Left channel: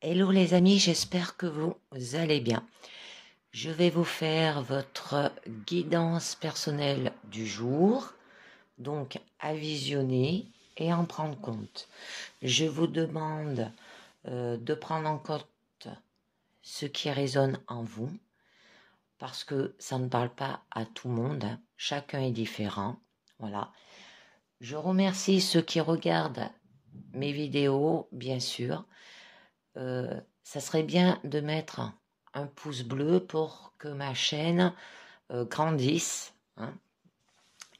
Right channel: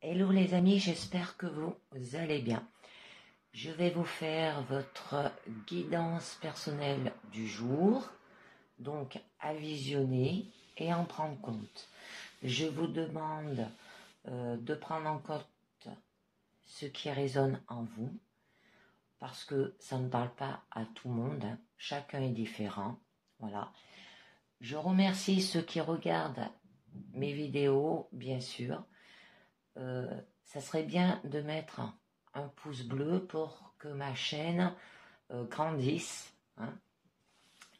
Hello les amis, j'espère que vous allez bien. Je vais vous faire votre guidance personnelle du jour, donc à visionner et en prendre compte. Je vous demande de prendre en compte ce qui résonne en vous, parce que ça ne parle pas à tout le monde, hein. Chacun est différent. Voilà. Je remercie ceux qui regardent mes vidéos, bien sûr. Ça serait bien de mettre un pouce bleu pour que ma chaîne grandisse, hein,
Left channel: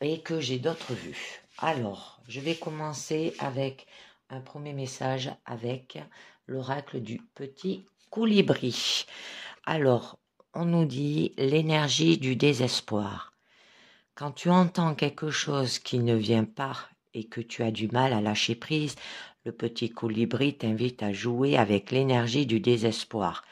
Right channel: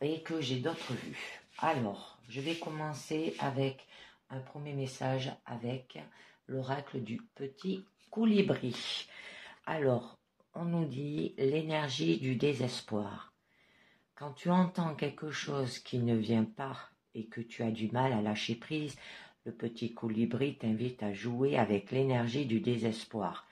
et que j'ai d'autres vues. Alors, je vais commencer avec un premier message avec l'oracle du petit colibri. Alors, on nous dit l'énergie du désespoir. Quand tu entends quelque chose qui ne vient pas et que tu as du mal à lâcher prise, le petit colibri t'invite à jouer avec l'énergie du désespoir.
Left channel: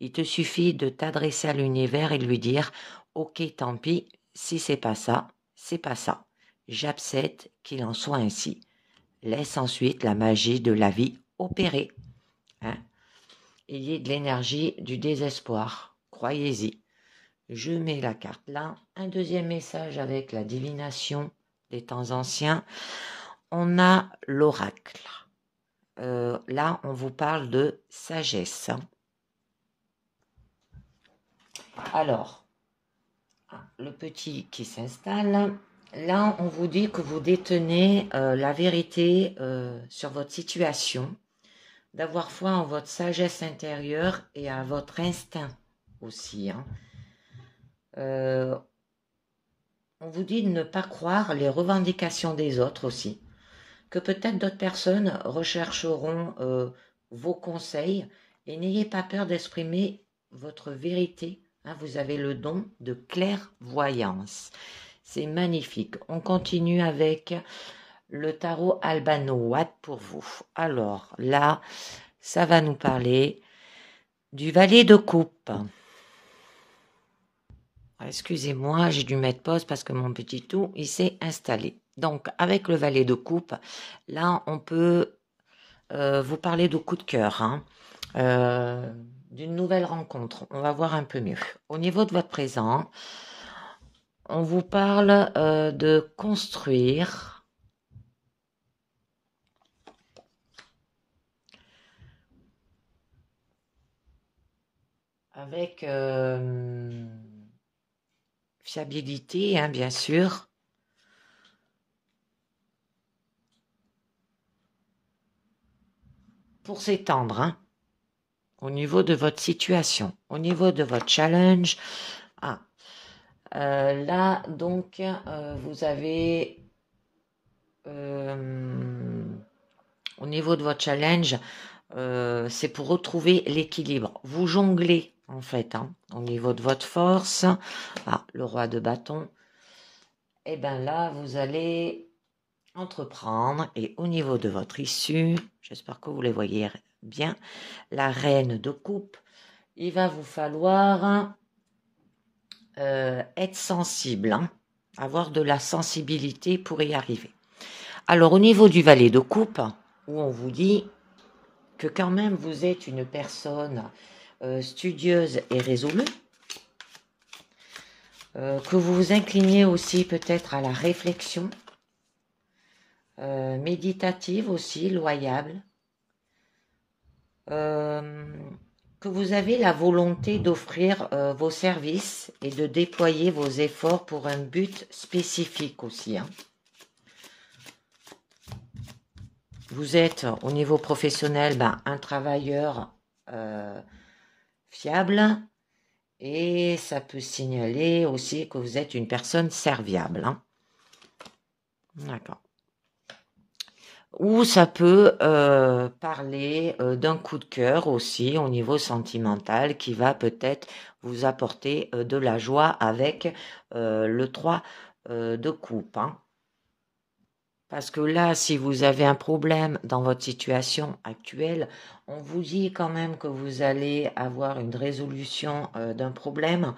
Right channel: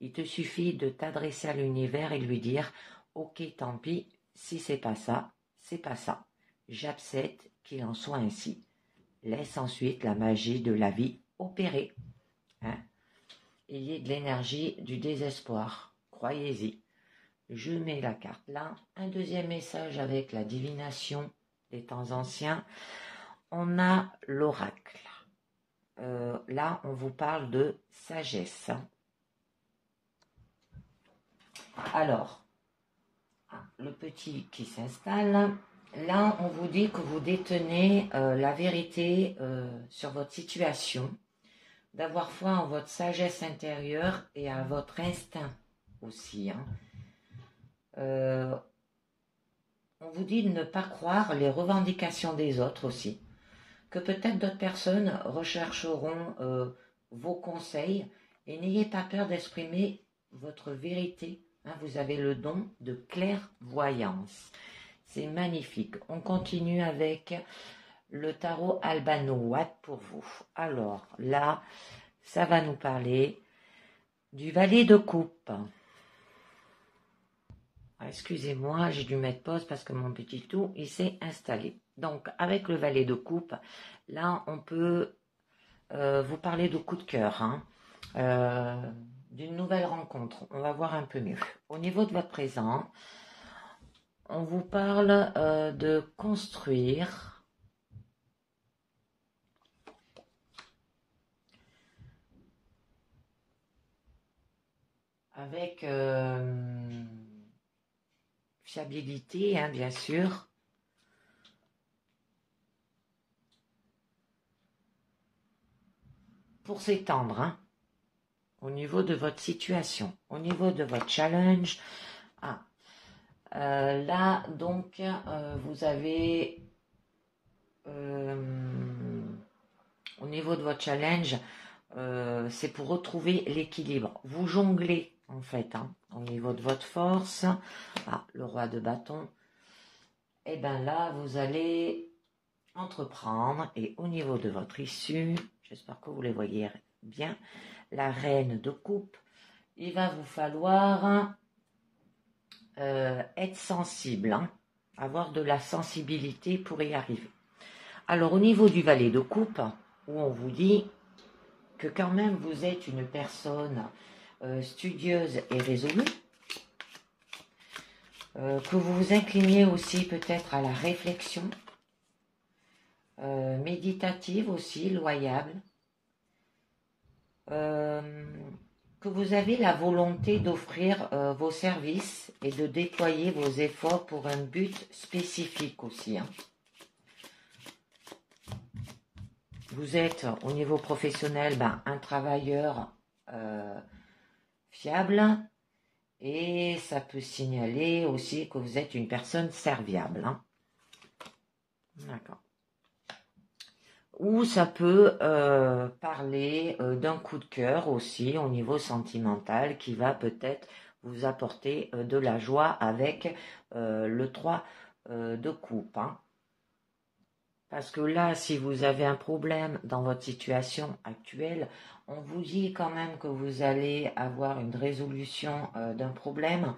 Il te suffit de t'adresser à l'univers et lui dire « Ok, tant pis, si c'est pas ça, c'est pas ça. J'accepte qu'il en soit ainsi. » Laisse ensuite la magie de la vie opérer. Hein. Il y a de l'énergie du désespoir. Croyez-y. Je mets la carte là. Un deuxième message avec la divination des temps anciens. On a l'oracle. Là, on vous parle de sagesse. Alors, le petit qui s'installe. Là, on vous dit que vous détenez la vérité sur votre situation, d'avoir foi en votre sagesse intérieure et à votre instinct aussi. Hein. On vous dit de ne pas croire les revendications des autres aussi, que peut-être d'autres personnes rechercheront vos conseils et n'ayez pas peur d'exprimer votre vérité. Hein, vous avez le don de clairvoyance. C'est magnifique. On continue avec le tarot Albano Watt pour vous. Alors là, ça va nous parler du valet de coupe. Excusez-moi, j'ai dû mettre pause parce que mon petit tout, il s'est installé. Donc, avec le valet de coupe, là, on peut vous parler de coup de cœur, hein, d'une nouvelle rencontre. On va voir un peu mieux. Au niveau de votre présent, on vous parle de construire avec fiabilité, hein, bien sûr. Pour s'étendre, hein, au niveau de votre situation, au niveau de votre challenge. Ah, là, donc, vous avez, au niveau de votre challenge, c'est pour retrouver l'équilibre. Vous jonglez, en fait, hein, au niveau de votre force. Ah, le roi de bâton. Et bien là, vous allez entreprendre. Et au niveau de votre issue, j'espère que vous les voyez bien, la reine de coupe, il va vous falloir être sensible, hein, avoir de la sensibilité pour y arriver. Alors au niveau du valet de coupe, où on vous dit que quand même vous êtes une personne studieuse et résolue, que vous vous inclinez aussi peut-être à la réflexion, méditative aussi, loyable, que vous avez la volonté d'offrir vos services et de déployer vos efforts pour un but spécifique aussi. Hein. Vous êtes au niveau professionnel un travailleur fiable et ça peut signaler aussi que vous êtes une personne serviable. Hein. D'accord. Ou ça peut parler d'un coup de cœur aussi au niveau sentimental qui va peut-être vous apporter de la joie avec le 3 de coupe. Hein. Parce que là, si vous avez un problème dans votre situation actuelle, on vous dit quand même que vous allez avoir une résolution d'un problème.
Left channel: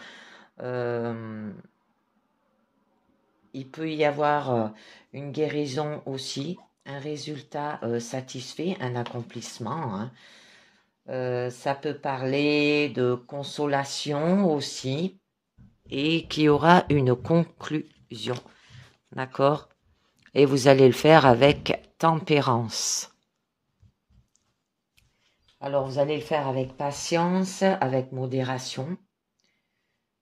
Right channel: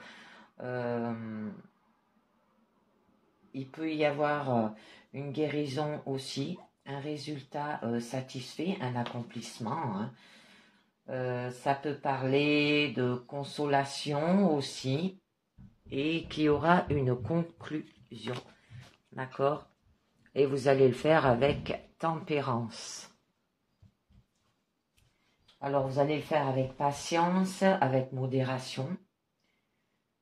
Il peut y avoir une guérison aussi, un résultat satisfait, un accomplissement. Hein. Ça peut parler de consolation aussi et qu'il y aura une conclusion. D'accord? Et vous allez le faire avec tempérance. Alors, vous allez le faire avec patience, avec modération.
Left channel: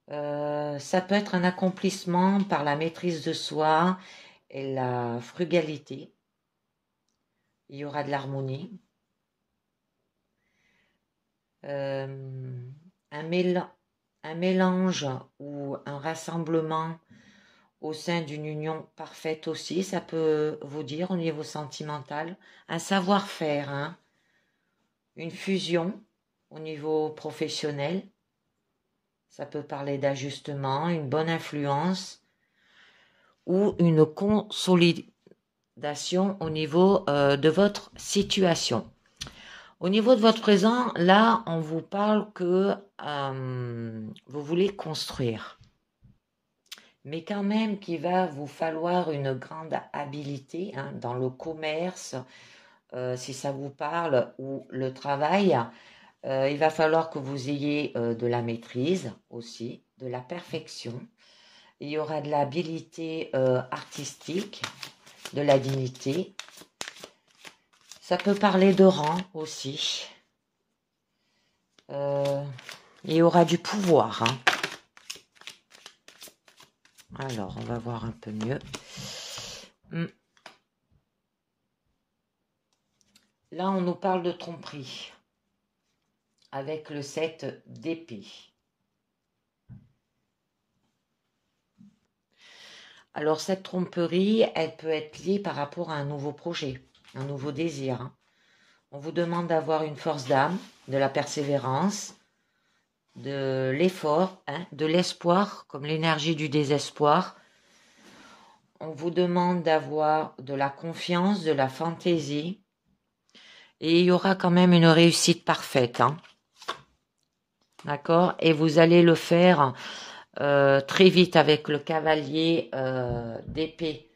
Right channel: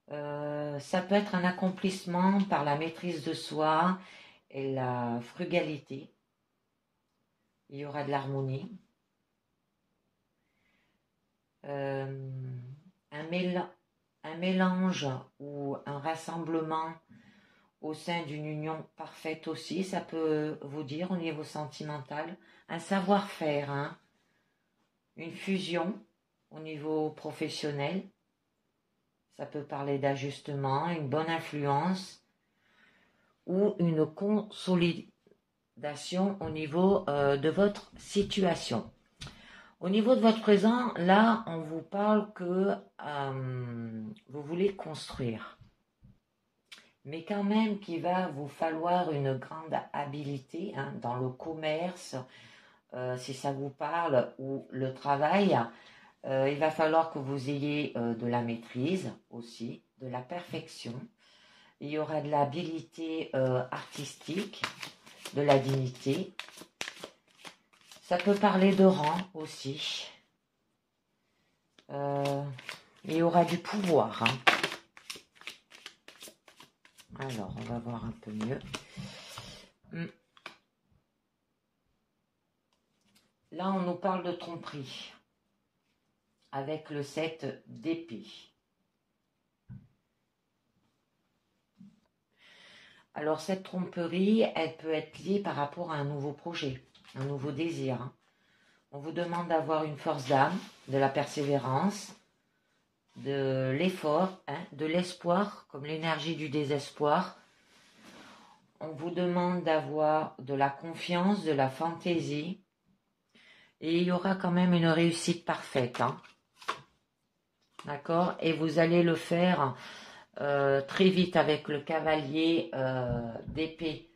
Ça peut être un accomplissement par la maîtrise de soi et la frugalité. Il y aura de l'harmonie. Un mélange ou un rassemblement au sein d'une union parfaite aussi, ça peut vous dire au niveau sentimental. Un savoir-faire, hein, une fusion au niveau professionnel. Ça peut parler d'ajustement, une bonne influence ou une consolidation au niveau de votre situation. Au niveau de votre présent, là, on vous parle que vous voulez construire. Mais quand même qu'il va vous falloir une grande habileté hein, dans le commerce, si ça vous parle, ou le travail. Il va falloir que vous ayez de la maîtrise aussi, de la perfection. Il y aura de l'habilité artistique, de la dignité. Ça peut parler de rang aussi. Il y aura du pouvoir. Hein. Alors, on va voir un peu mieux. Là, on nous parle de tromperie avec le 7 d'épée. Alors, cette tromperie, elle peut être liée par rapport à un nouveau projet, un nouveau désir. Hein. On vous demande d'avoir une force d'âme, de la persévérance, de l'effort, hein, de l'espoir, comme l'énergie du désespoir. On vous demande d'avoir de la confiance, de la fantaisie. Et il y aura quand même une réussite parfaite. Hein. D'accord? Et vous allez le faire très vite avec le cavalier d'épée.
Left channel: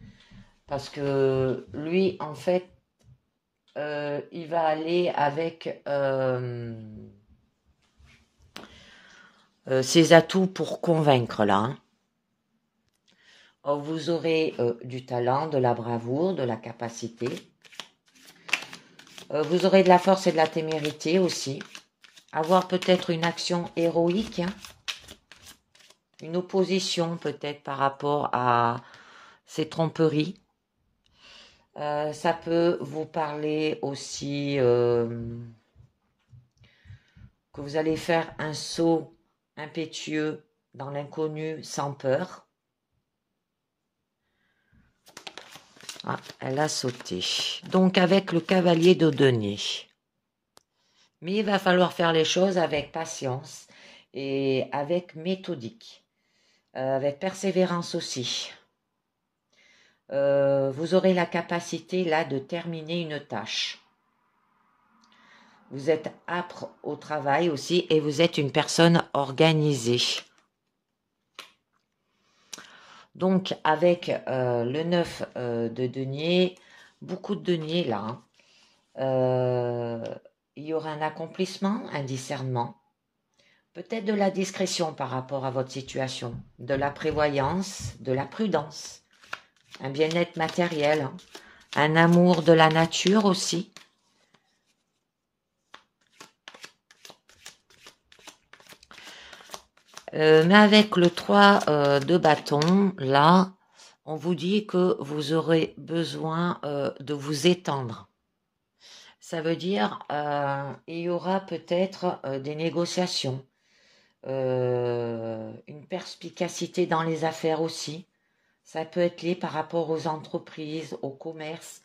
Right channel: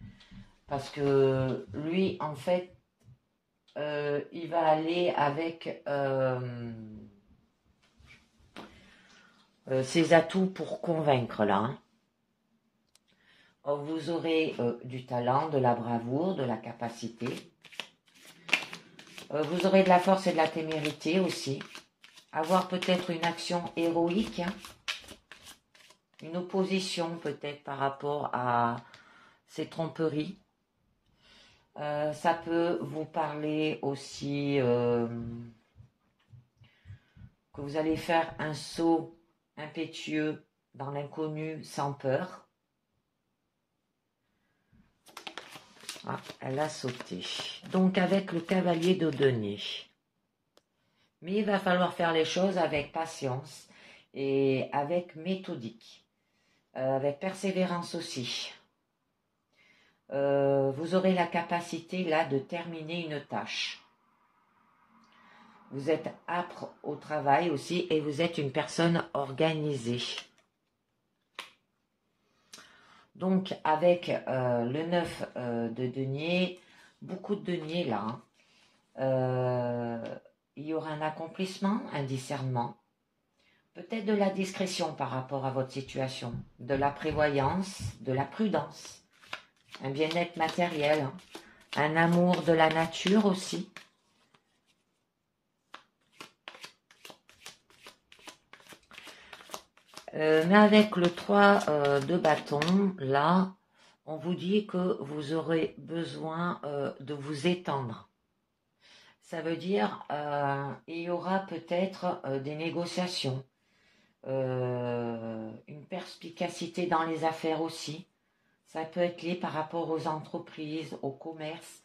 Parce que lui, en fait, il va aller avec ses atouts pour convaincre là. Hein. Vous aurez du talent, de la bravoure, de la capacité. Vous aurez de la force et de la témérité aussi. Avoir peut-être une action héroïque. Hein. Une opposition peut-être par rapport à ces tromperies. Ça peut vous parler aussi que vous allez faire un saut impétueux dans l'inconnu sans peur. Ah, elle a sauté. Donc avec le cavalier de denier. Mais il va falloir faire les choses avec patience et avec méthodique. Avec persévérance aussi. Vous aurez la capacité là de terminer une tâche. Vous êtes âpre au travail aussi et vous êtes une personne organisée. Donc avec le 9 de denier, beaucoup de deniers là. Hein. Il y aura un accomplissement, un discernement. Peut-être de la discrétion par rapport à votre situation. De la prévoyance, de la prudence. Un bien-être matériel. Hein. Un amour de la nature aussi. Mais avec le 3 de bâton, là, on vous dit que vous aurez besoin de vous étendre. Ça veut dire il y aura peut-être des négociations, une perspicacité dans les affaires aussi. Ça peut être lié par rapport aux entreprises, au commerce.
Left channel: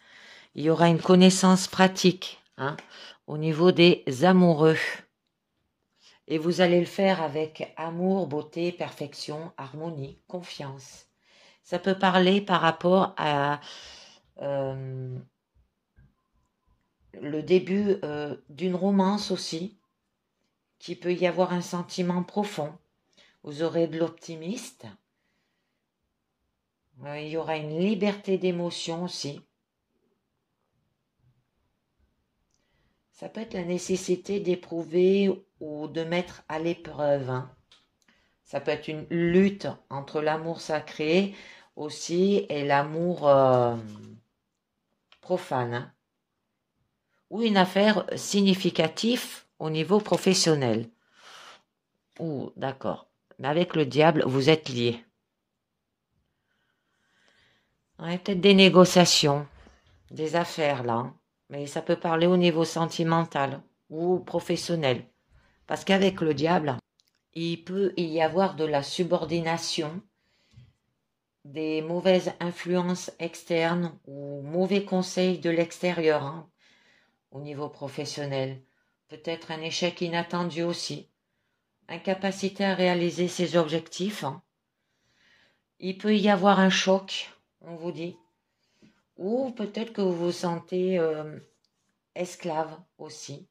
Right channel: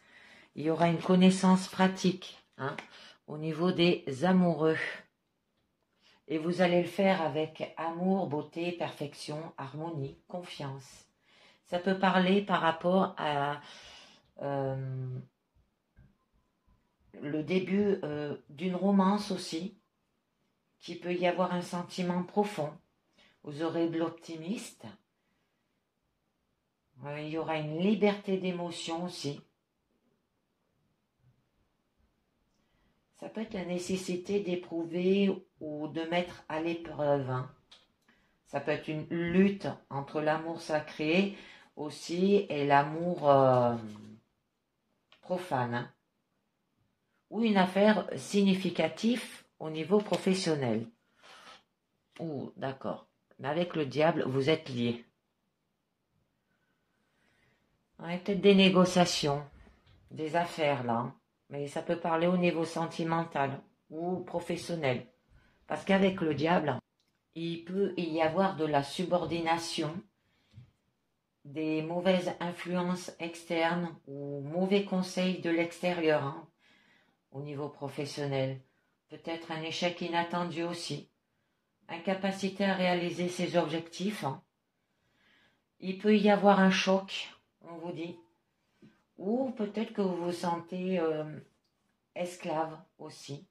Il y aura une connaissance pratique hein, au niveau des amoureux. Et vous allez le faire avec amour, beauté, perfection, harmonie, confiance. Ça peut parler par rapport à le début d'une romance aussi, qui peut y avoir un sentiment profond. Vous aurez de l'optimiste. Il y aura une liberté d'émotion aussi. Ça peut être la nécessité d'éprouver ou de mettre à l'épreuve, hein. Ça peut être une lutte entre l'amour sacré aussi et l'amour profane, hein. Ou une affaire significative au niveau professionnel. Oh, d'accord. Mais avec le diable, vous êtes liés. Ouais, peut-être des négociations, des affaires là, hein. Mais ça peut parler au niveau sentimental ou professionnel. Parce qu'avec le diable, il peut y avoir de la subordination, des mauvaises influences externes ou mauvais conseils de l'extérieur, hein, au niveau professionnel. Peut-être un échec inattendu aussi. Incapacité à réaliser ses objectifs, hein. Il peut y avoir un choc, on vous dit. Ou peut-être que vous vous sentez esclave aussi.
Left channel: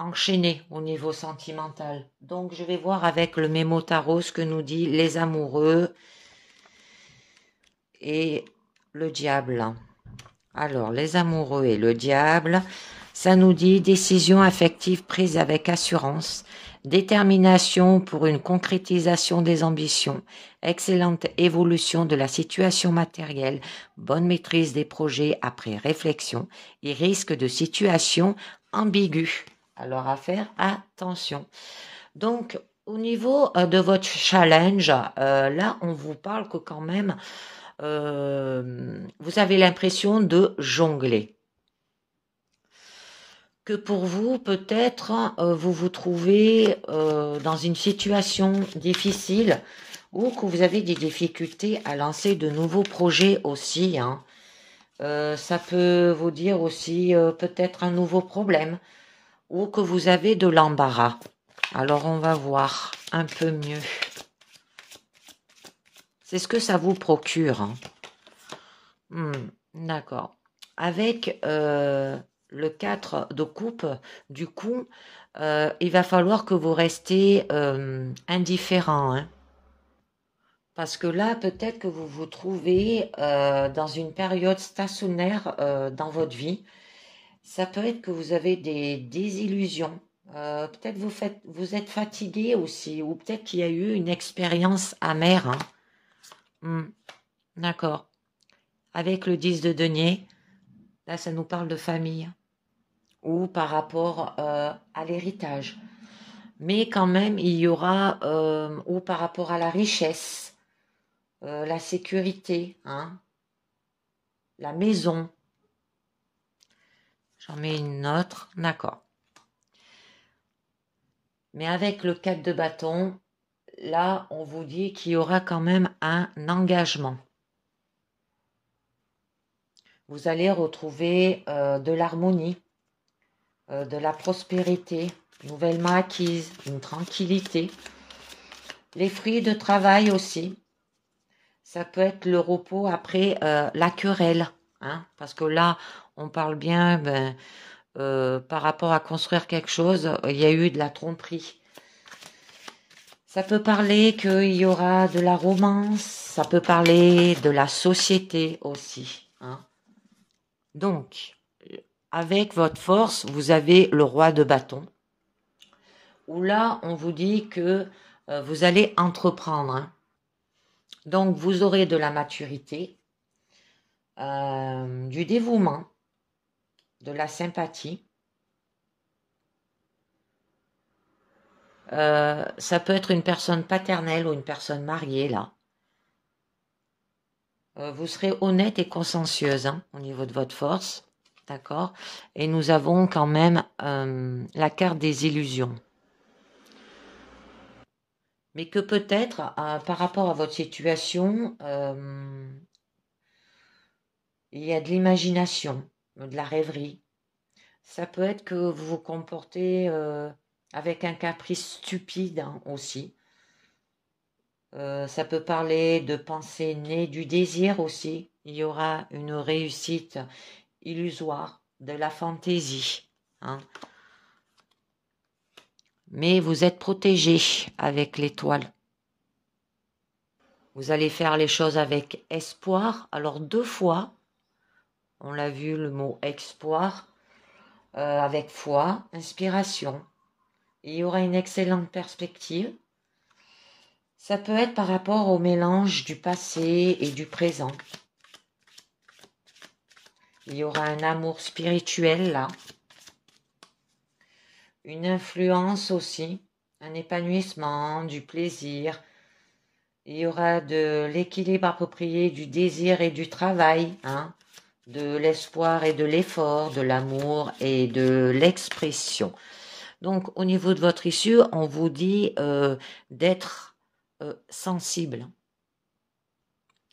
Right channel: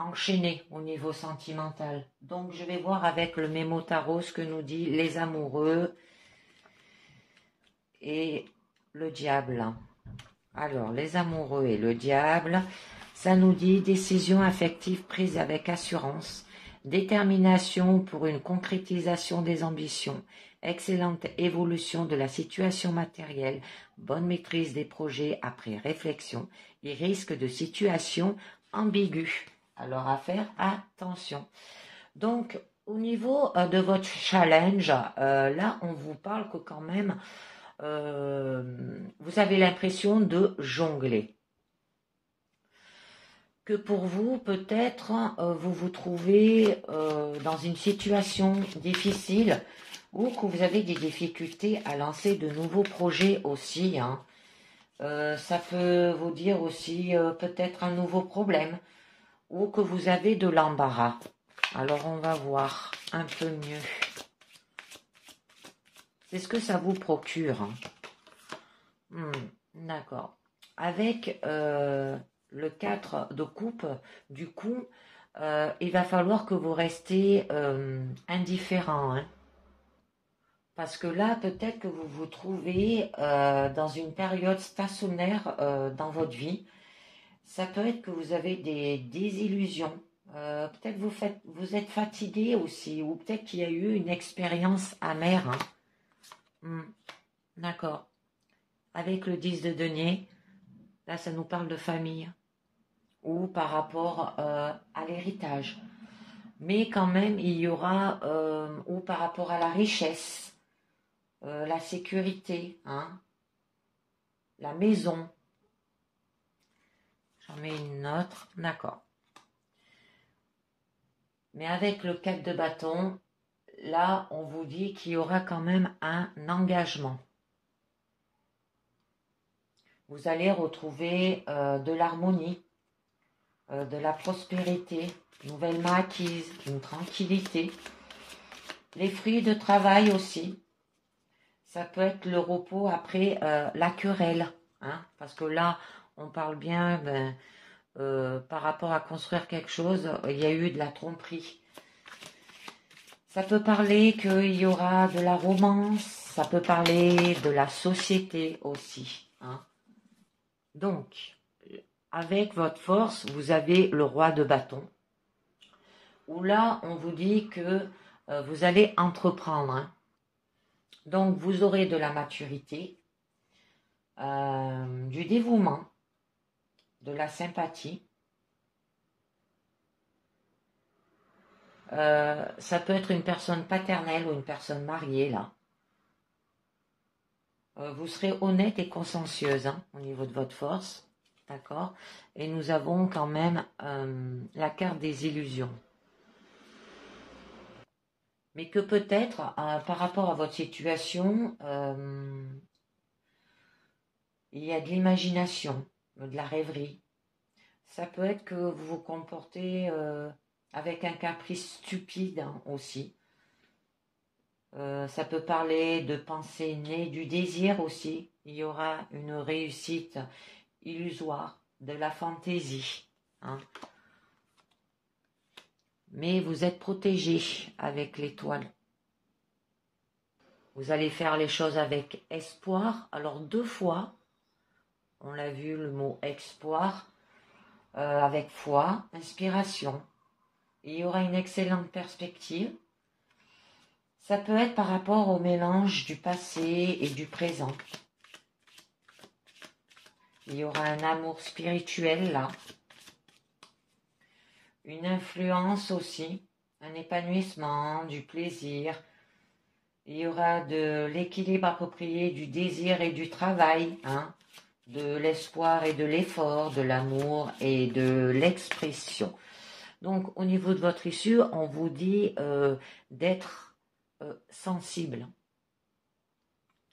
Enchaîné au niveau sentimental. Donc je vais voir avec le mémo tarot ce que nous dit les amoureux et le diable. Alors les amoureux et le diable, ça nous dit décision affective prise avec assurance, détermination pour une concrétisation des ambitions, excellente évolution de la situation matérielle, bonne maîtrise des projets après réflexion et risque de situation ambiguë. Alors à faire attention. Donc au niveau de votre challenge, là on vous parle que quand même vous avez l'impression de jongler. Que pour vous, peut-être, vous vous trouvez dans une situation difficile ou que vous avez des difficultés à lancer de nouveaux projets aussi, hein. Ça peut vous dire aussi peut-être un nouveau problème ou que vous avez de l'embarras. Alors on va voir un peu mieux. C'est ce que ça vous procure, hein. D'accord. Avec le 4 de coupe, du coup, il va falloir que vous restez indifférent, hein. Parce que là, peut-être que vous vous trouvez dans une période stationnaire dans votre vie. Ça peut être que vous avez des désillusions. Peut-être vous êtes fatigué aussi, ou peut-être qu'il y a eu une expérience amère, hein. D'accord. Avec le 10 de denier, là, ça nous parle de famille ou par rapport à l'héritage. Mais quand même, il y aura, ou par rapport à la richesse, la sécurité, hein, la maison. J'en mets une autre, d'accord. Mais avec le 4 de bâton, là, on vous dit qu'il y aura quand même un engagement. Vous allez retrouver de l'harmonie, de la prospérité, nouvellement acquise, une tranquillité. Les fruits de travail aussi. Ça peut être le repos après la querelle, hein, parce que là, on parle bien par rapport à construire quelque chose, il y a eu de la tromperie. Ça peut parler qu'il y aura de la romance, ça peut parler de la société aussi, hein. Donc, avec votre force, vous avez le roi de bâton, où là, on vous dit que vous allez entreprendre, hein. Donc, vous aurez de la maturité, du dévouement, de la sympathie. Ça peut être une personne paternelle ou une personne mariée, là. Vous serez honnête et consciencieuse, hein, au niveau de votre force. D'accord? Et nous avons quand même la carte des illusions. Mais que peut-être, par rapport à votre situation, il y a de l'imagination, de la rêverie. Ça peut être que vous vous comportez avec un caprice stupide, hein, aussi. Ça peut parler de pensée née du désir aussi. Il y aura une réussite illusoire, de la fantaisie, hein. Mais vous êtes protégé avec l'étoile. Vous allez faire les choses avec espoir. Alors 2 fois, on l'a vu, le mot espoir, avec foi, inspiration. Il y aura une excellente perspective. Ça peut être par rapport au mélange du passé et du présent. Il y aura un amour spirituel là. Une influence aussi, un épanouissement, du plaisir. Il y aura de l'équilibre approprié du désir et du travail, hein, de l'espoir et de l'effort, de l'amour et de l'expression. Donc, au niveau de votre issue, on vous dit d'être sensible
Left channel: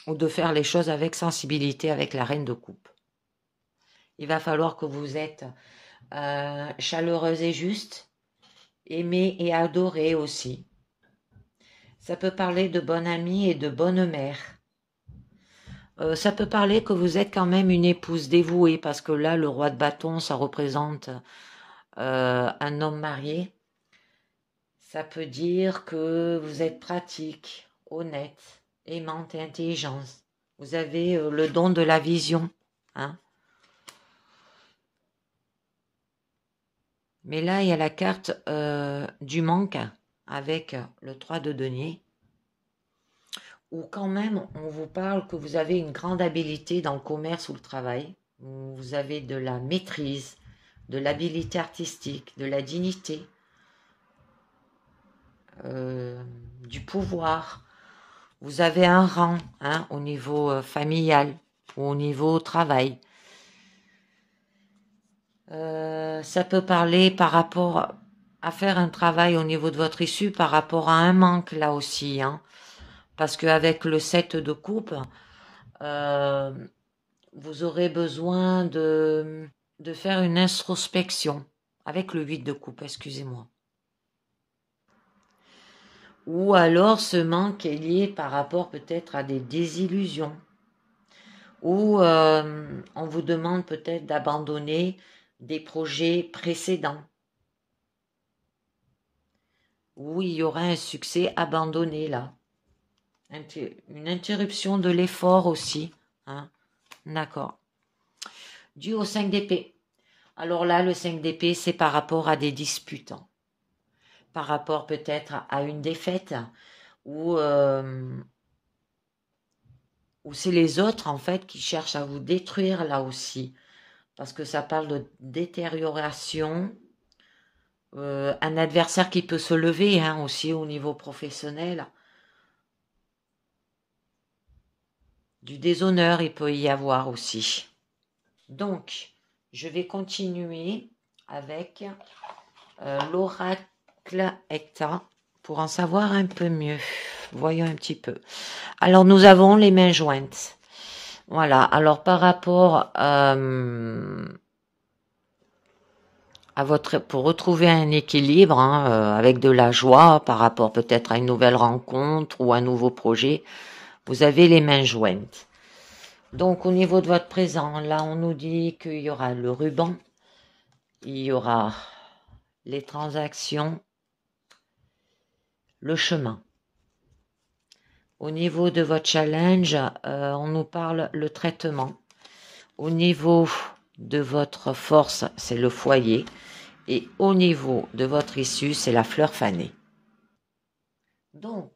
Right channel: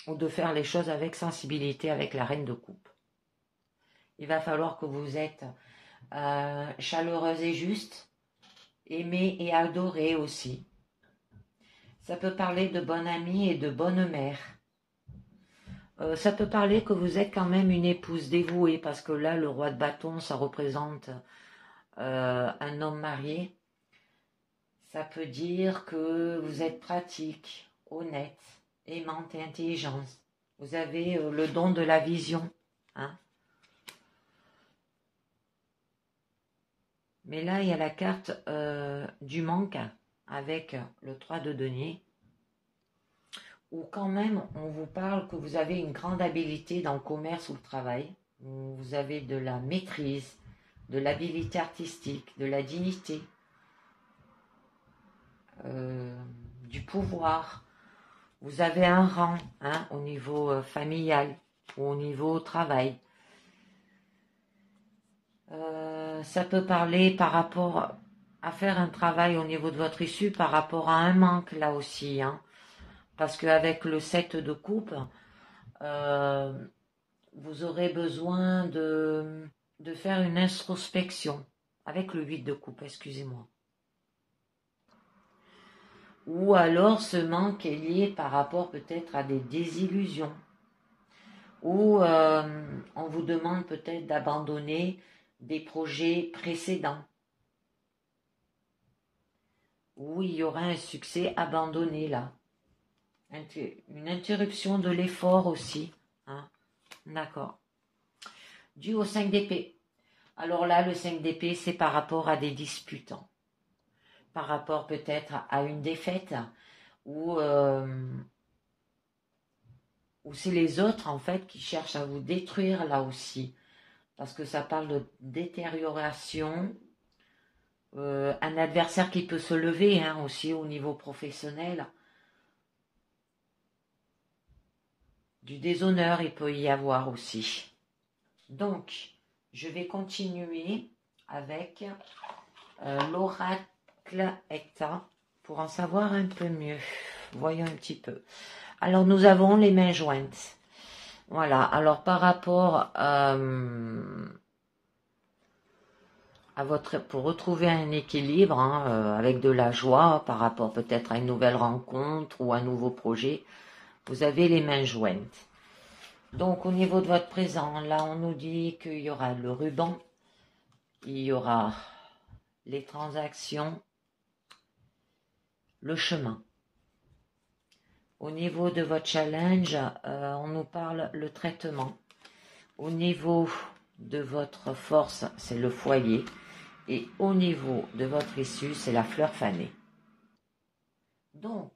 ou de faire les choses avec sensibilité avec la reine de coupe. Il va falloir que vous êtes chaleureuse et juste, aimée et adorée aussi. Ça peut parler de bonne amie et de bonne mère. Ça peut parler que vous êtes quand même une épouse dévouée, parce que là, le roi de bâton, ça représente un homme marié. Ça peut dire que vous êtes pratique, honnête, aimante et intelligente. Vous avez le don de la vision, hein. Mais là, il y a la carte du manque avec le 3 de denier, où quand même, on vous parle que vous avez une grande habileté dans le commerce ou le travail. Vous avez de la maîtrise, de l'habilité artistique, de la dignité, du pouvoir. Vous avez un rang, hein, au niveau familial ou au niveau travail. Ça peut parler par rapport à faire un travail au niveau de votre issue par rapport à un manque là aussi, hein, parce qu'avec le 7 de coupe, vous aurez besoin de faire une introspection avec le 8 de coupe, excusez-moi. Ou alors ce manque est lié par rapport peut-être à des désillusions, ou on vous demande peut-être d'abandonner des projets précédents, où il y aura un succès abandonné là. Une interruption de l'effort aussi, hein. D'accord. Dû au 5 d'épée. Alors là, le 5 d'épée, c'est par rapport à des disputes, hein. Par rapport peut-être à une défaite, ou c'est les autres en fait qui cherchent à vous détruire là aussi, parce que ça parle de détérioration, un adversaire qui peut se lever, hein, aussi au niveau professionnel, du déshonneur il peut y avoir aussi. Donc je vais continuer avec l'oracle Hecta pour en savoir un peu mieux. Voyons un petit peu. Alors nous avons les mains jointes. Voilà, alors par rapport à votre, pour retrouver un équilibre, hein, avec de la joie par rapport peut-être à une nouvelle rencontre ou un nouveau projet, vous avez les mains jointes. Donc au niveau de votre présent, là on nous dit qu'il y aura le ruban, il y aura les transactions, le chemin. Au niveau de votre challenge, on nous parle le traitement. Au niveau de votre force, c'est le foyer. Et au niveau de votre issue, c'est la fleur fanée. Donc,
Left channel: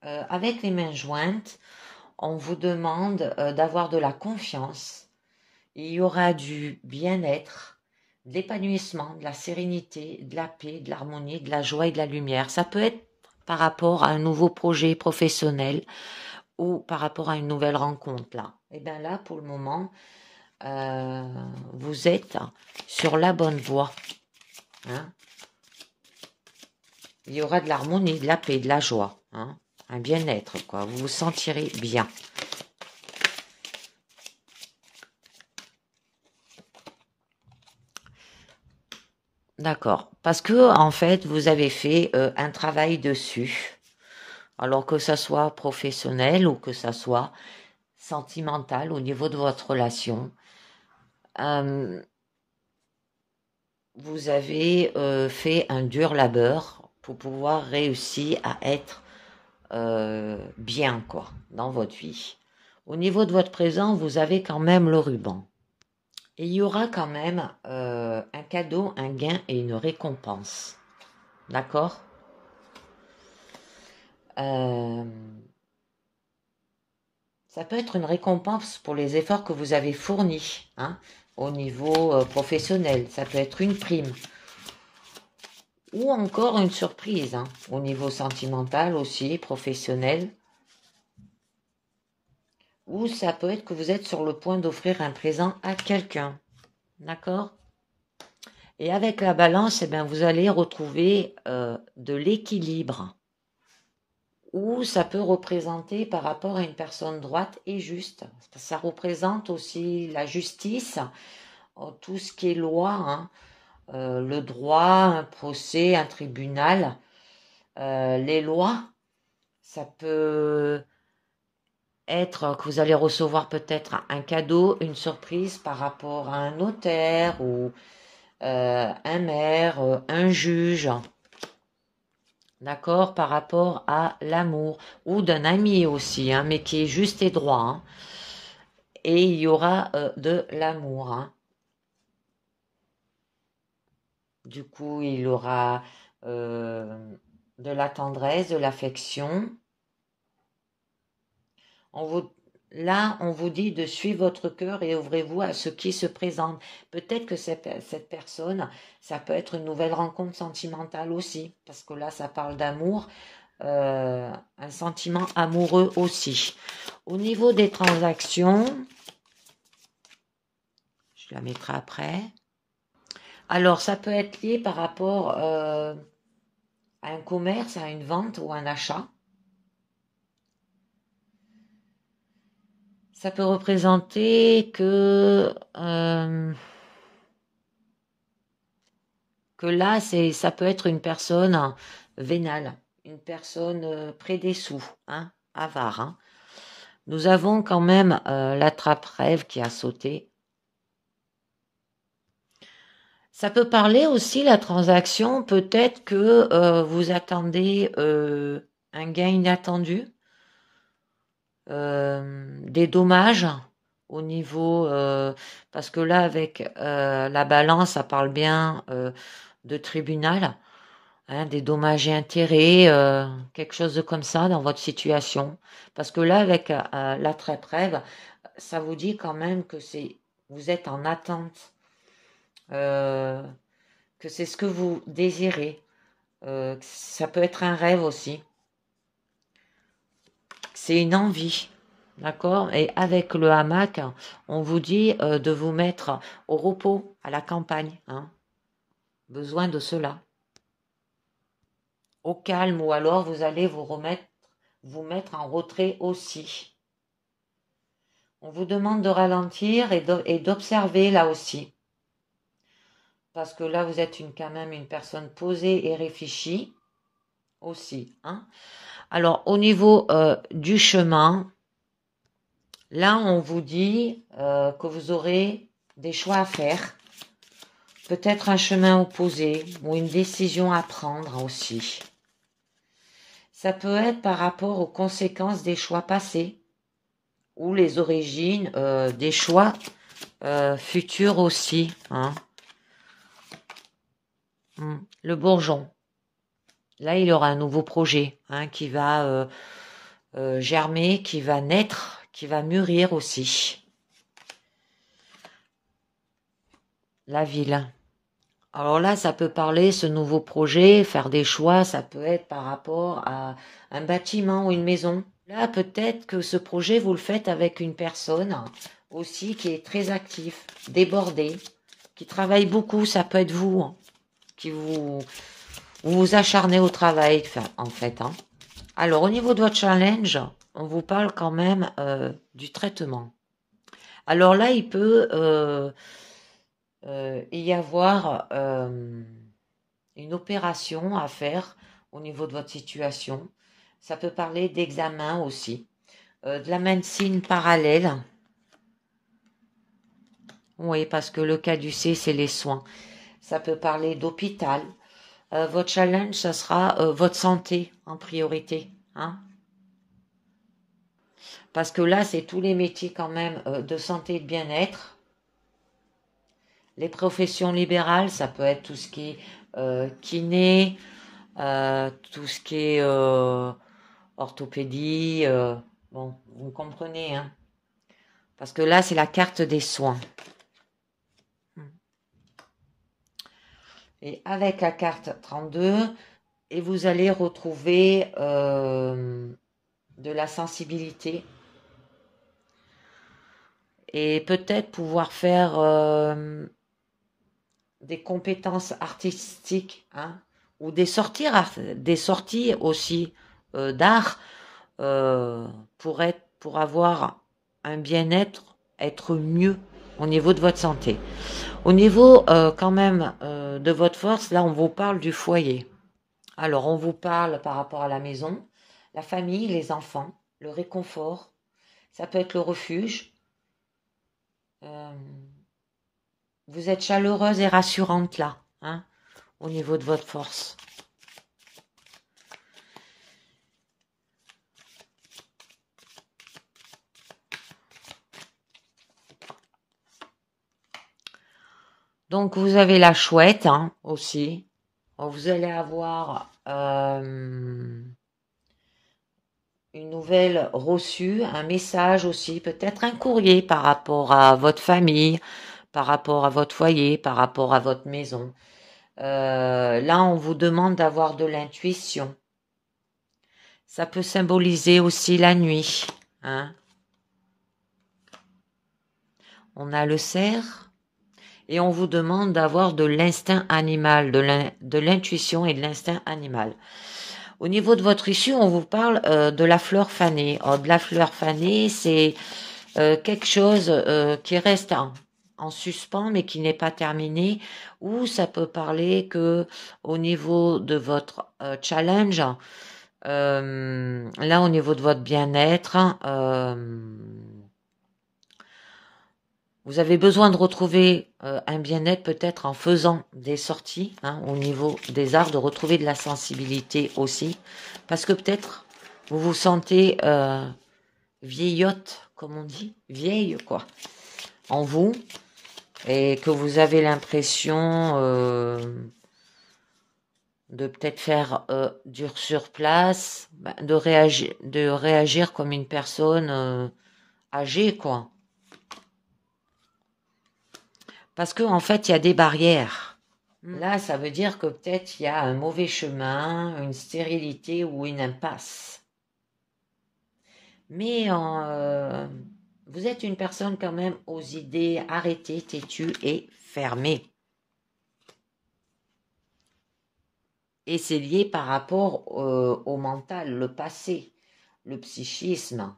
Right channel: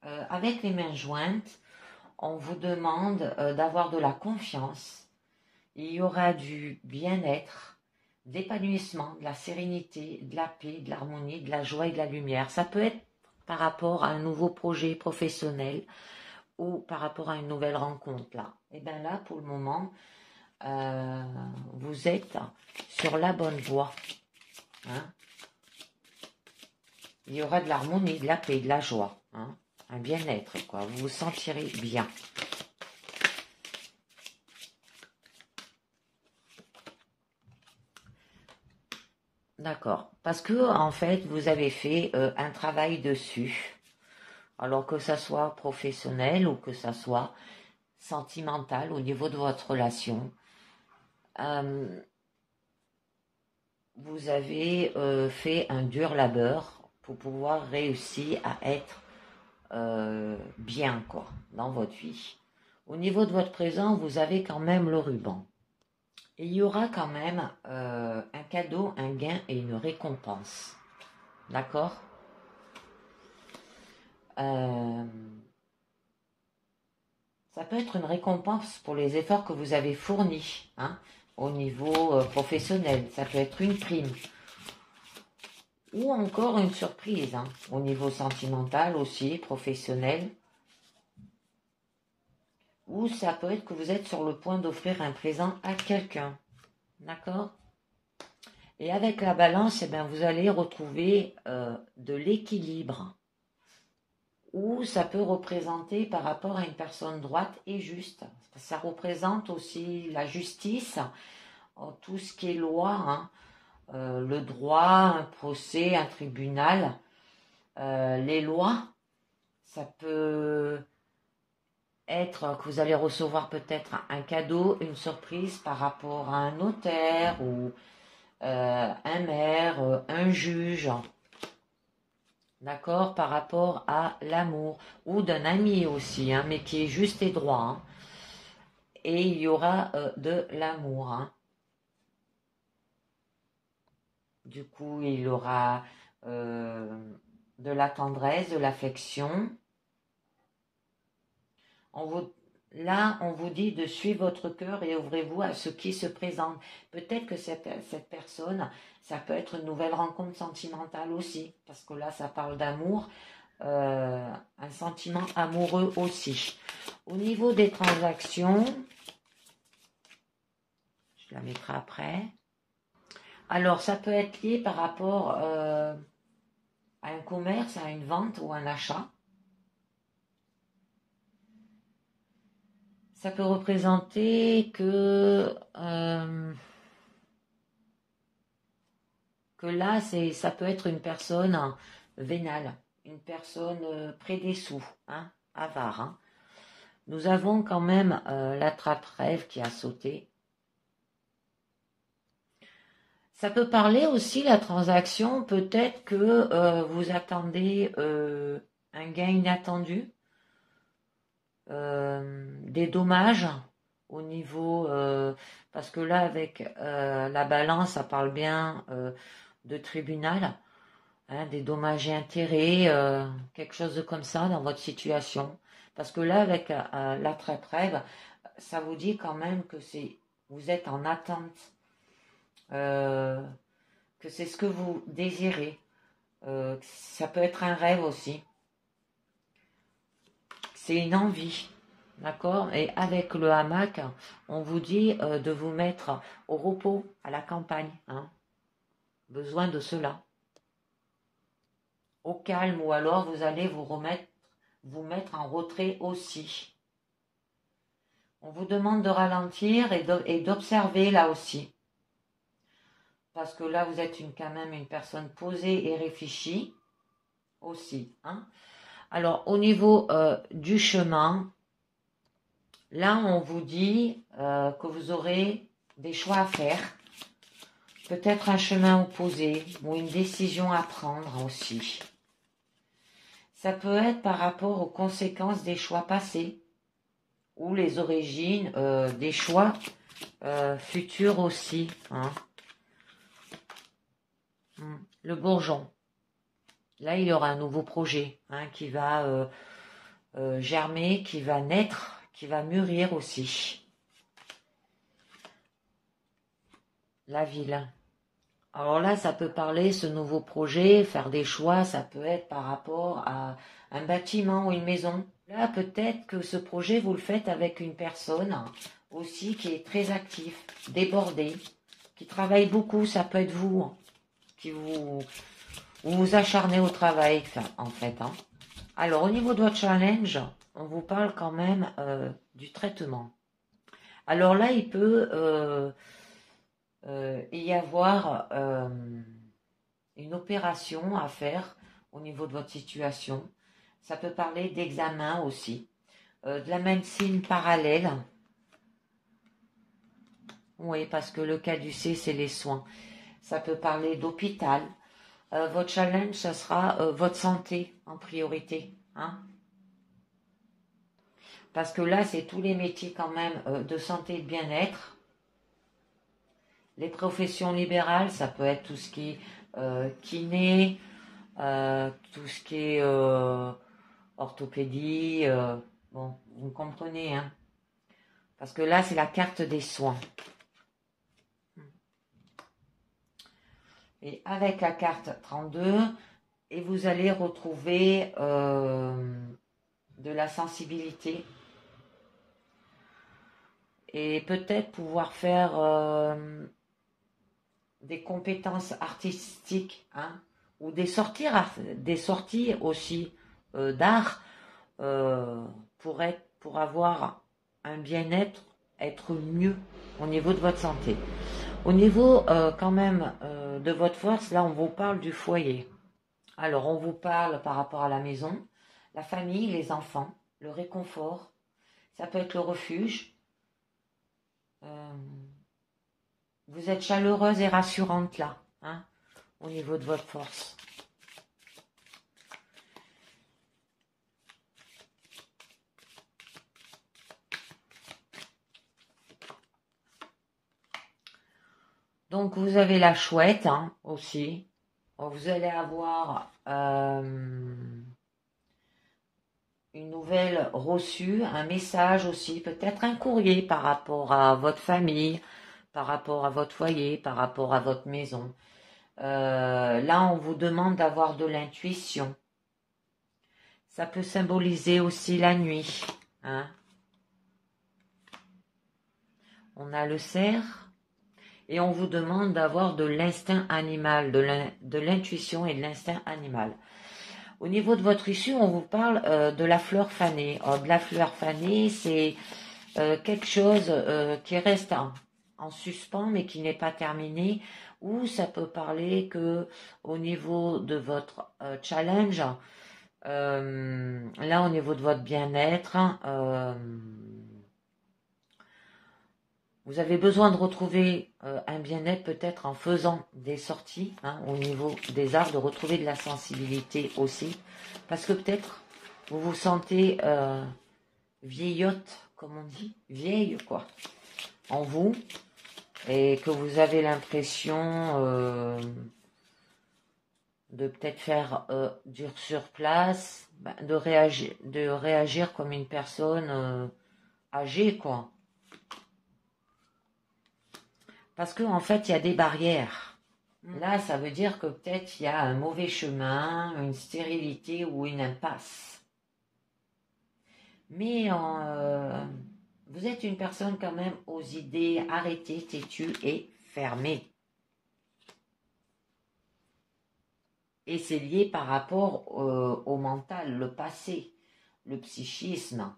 avec les mains jointes, on vous demande d'avoir de la confiance. Il y aura du bien-être, de l'épanouissement, de la sérénité, de la paix, de l'harmonie, de la joie et de la lumière. Ça peut être par rapport à un nouveau projet professionnel ou par rapport à une nouvelle rencontre là. Et bien là, pour le moment, vous êtes sur la bonne voie, hein. Il y aura de l'harmonie, de la paix, de la joie, hein. Un bien-être, quoi. Vous vous sentirez bien. D'accord. Parce que, en fait, vous avez fait un travail dessus. Alors que ça soit professionnel ou que ça soit sentimental au niveau de votre relation. Vous avez fait un dur labeur pour pouvoir réussir à être bien, quoi, dans votre vie. Au niveau de votre présent, vous avez quand même le ruban. Et il y aura quand même un cadeau, un gain et une récompense. D'accord? Ça peut être une récompense pour les efforts que vous avez fournis, hein, au niveau professionnel. Ça peut être une prime. Ou encore une surprise, hein, au niveau sentimental aussi, professionnel. Ou ça peut être que vous êtes sur le point d'offrir un présent à quelqu'un. D'accord? Et avec la balance, eh bien, vous allez retrouver de l'équilibre. Ou ça peut représenter par rapport à une personne droite et juste. Ça représente aussi la justice, tout ce qui est loi, hein, le droit, un procès, un tribunal, les lois. Ça peut être que vous allez recevoir peut-être un cadeau, une surprise par rapport à un notaire ou un maire, un juge. D'accord, par rapport à l'amour, ou d'un ami aussi, hein, mais qui est juste et droit, hein. Et il y aura de l'amour, hein. Du coup, il y aura de la tendresse, de l'affection. Là, on vous dit de suivre votre cœur et ouvrez-vous à ce qui se présente. Peut-être que cette personne, ça peut être une nouvelle rencontre sentimentale aussi, parce que là, ça parle d'amour. Un sentiment amoureux aussi. Au niveau des transactions, je la mettrai après. Alors, ça peut être lié par rapport à un commerce, à une vente ou un achat. Ça peut représenter que là, ça peut être une personne vénale, une personne près des sous, hein, avare, hein. Nous avons quand même l'attrape-rêve qui a sauté. Ça peut parler aussi, la transaction, peut-être que vous attendez un gain inattendu, des dommages au niveau, parce que là, avec la balance, ça parle bien de tribunal, hein, des dommages et intérêts, quelque chose de comme ça dans votre situation. Parce que là, avec l'attrape-rêve, ça vous dit quand même que vous êtes en attente. Euh, que c'est ce que vous désirez. Ça peut être un rêve aussi. C'est une envie. D'accord? Et avec le hamac, on vous dit de vous mettre au repos, à la campagne, hein. Besoin de cela. Au calme, ou alors vous allez vous mettre en retrait aussi. On vous demande de ralentir et d'observer là aussi. Parce que là, vous êtes quand même une personne posée et réfléchie aussi, hein. Alors, au niveau du chemin, là, on vous dit que vous aurez des choix à faire, peut-être un chemin opposé ou une décision à prendre aussi. Ça peut être par rapport aux conséquences des choix passés ou les origines des choix futurs aussi, hein. Le bourgeon. Là, il aura un nouveau projet, hein, qui va germer, qui va naître, qui va mûrir aussi. La ville. Alors là, ça peut parler, ce nouveau projet, faire des choix, ça peut être par rapport à un bâtiment ou une maison. Là, peut-être que ce projet, vous le faites avec une personne aussi qui est très active, débordée, qui travaille beaucoup, ça peut être vous, hein, qui vous acharnez au travail, en fait, hein. Alors, au niveau de votre challenge, on vous parle quand même du traitement. Alors là, il peut y avoir une opération à faire au niveau de votre situation. Ça peut parler d'examen aussi, de la médecine parallèle. Oui, parce que le cas du C, c'est les soins. Ça peut parler d'hôpital. Votre challenge, ça sera votre santé en priorité, hein. Parce que là, c'est tous les métiers quand même de santé et de bien-être. Les professions libérales, ça peut être tout ce qui est kiné, tout ce qui est orthopédie. Bon, vous comprenez, hein? Parce que là, c'est la carte des soins. Et avec la carte 32, et vous allez retrouver de la sensibilité et peut-être pouvoir faire des compétences artistiques, hein, ou des sorties aussi d'art pour avoir un bien-être, être mieux au niveau de votre santé. Au niveau quand même de votre force, là on vous parle du foyer. Alors on vous parle par rapport à la maison, la famille, les enfants, le réconfort, ça peut être le refuge. Vous êtes chaleureuse et rassurante là, hein, au niveau de votre force. Donc vous avez la chouette, hein, aussi. Vous allez avoir une nouvelle reçue, un message aussi, peut-être un courrier par rapport à votre famille, par rapport à votre foyer, par rapport à votre maison. Là, on vous demande d'avoir de l'intuition. Ça peut symboliser aussi la nuit, hein. On a le cerf et on vous demande d'avoir de l'instinct animal, de l'intuition et de l'instinct animal. Au niveau de votre issue, on vous parle de la fleur fanée. De la fleur fanée, c'est quelque chose qui reste en suspens mais qui n'est pas terminé, ou ça peut parler que au niveau de votre challenge, là au niveau de votre bien-être, vous avez besoin de retrouver un bien-être peut-être en faisant des sorties, hein, au niveau des arts, de retrouver de la sensibilité aussi, parce que peut-être vous vous sentez vieillotte, comme on dit, vieille quoi, en vous, et que vous avez l'impression de peut-être faire dur sur place, de réagir comme une personne âgée quoi. Parce qu'en fait, il y a des barrières. Là, ça veut dire que peut-être il y a un mauvais chemin, une stérilité ou une impasse. Mais vous êtes une personne quand même aux idées arrêtées, têtues et fermées. Et c'est lié par rapport au mental, le passé, le psychisme.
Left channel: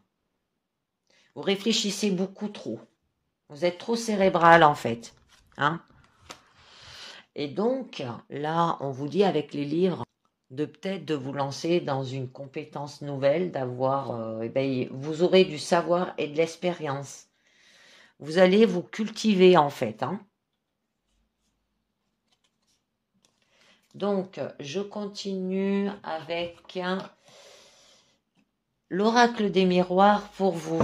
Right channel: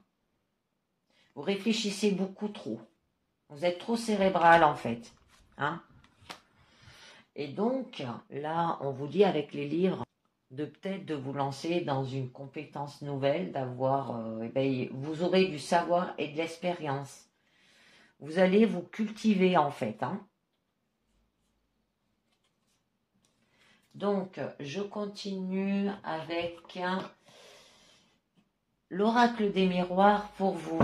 Vous réfléchissez beaucoup trop. Vous êtes trop cérébral en fait, hein. Et donc, là, on vous dit avec les livres de peut-être de vous lancer dans une compétence nouvelle, d'avoir, vous aurez du savoir et de l'expérience. Vous allez vous cultiver en fait, hein. Donc, je continue avec l'oracle des miroirs pour vous.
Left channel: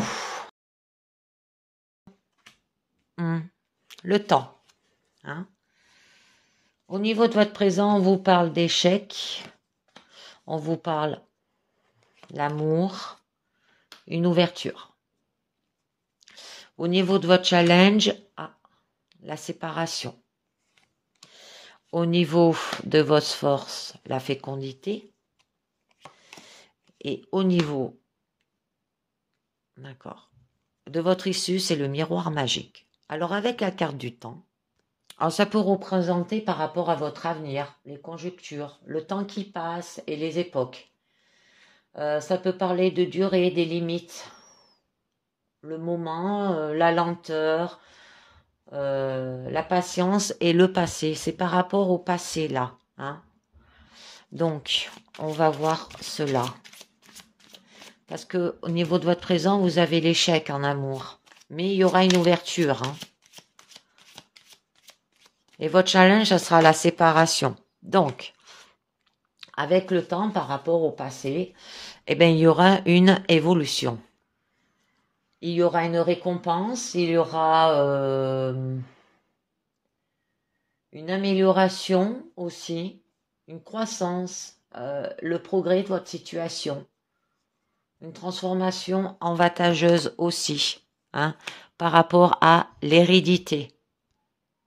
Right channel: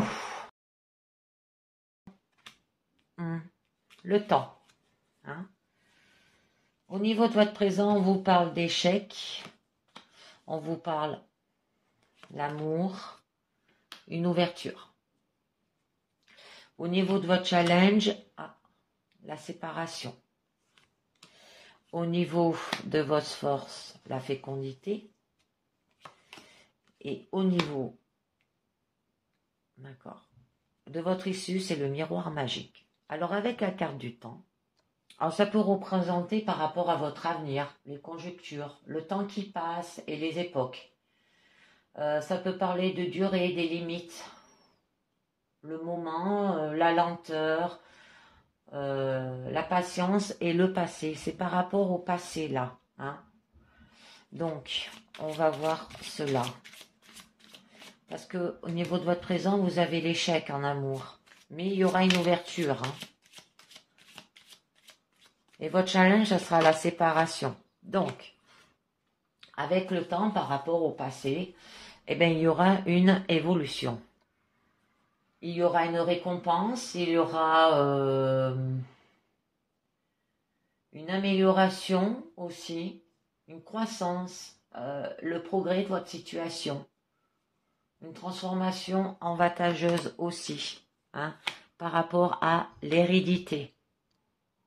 Le temps, hein. Au niveau de votre présent, on vous parle d'échecs, on vous parle l'amour, une ouverture. Au niveau de votre challenge, la séparation. Au niveau de votre force, la fécondité. Et au niveau, d'accord, de votre issue, c'est le miroir magique. Alors avec la carte du temps, alors ça peut représenter par rapport à votre avenir, les conjonctures, le temps qui passe et les époques. Ça peut parler de durée, des limites, le moment, la lenteur, la patience et le passé. C'est par rapport au passé là, hein. Donc, on va voir cela. Parce que au niveau de votre présent, vous avez l'échec en amour. Mais il y aura une ouverture, hein. Et votre challenge, ça sera la séparation. Donc, avec le temps par rapport au passé, eh bien, il y aura une évolution. Il y aura une récompense, il y aura une amélioration aussi, une croissance, le progrès de votre situation, une transformation avantageuse aussi, hein, par rapport à l'hérédité,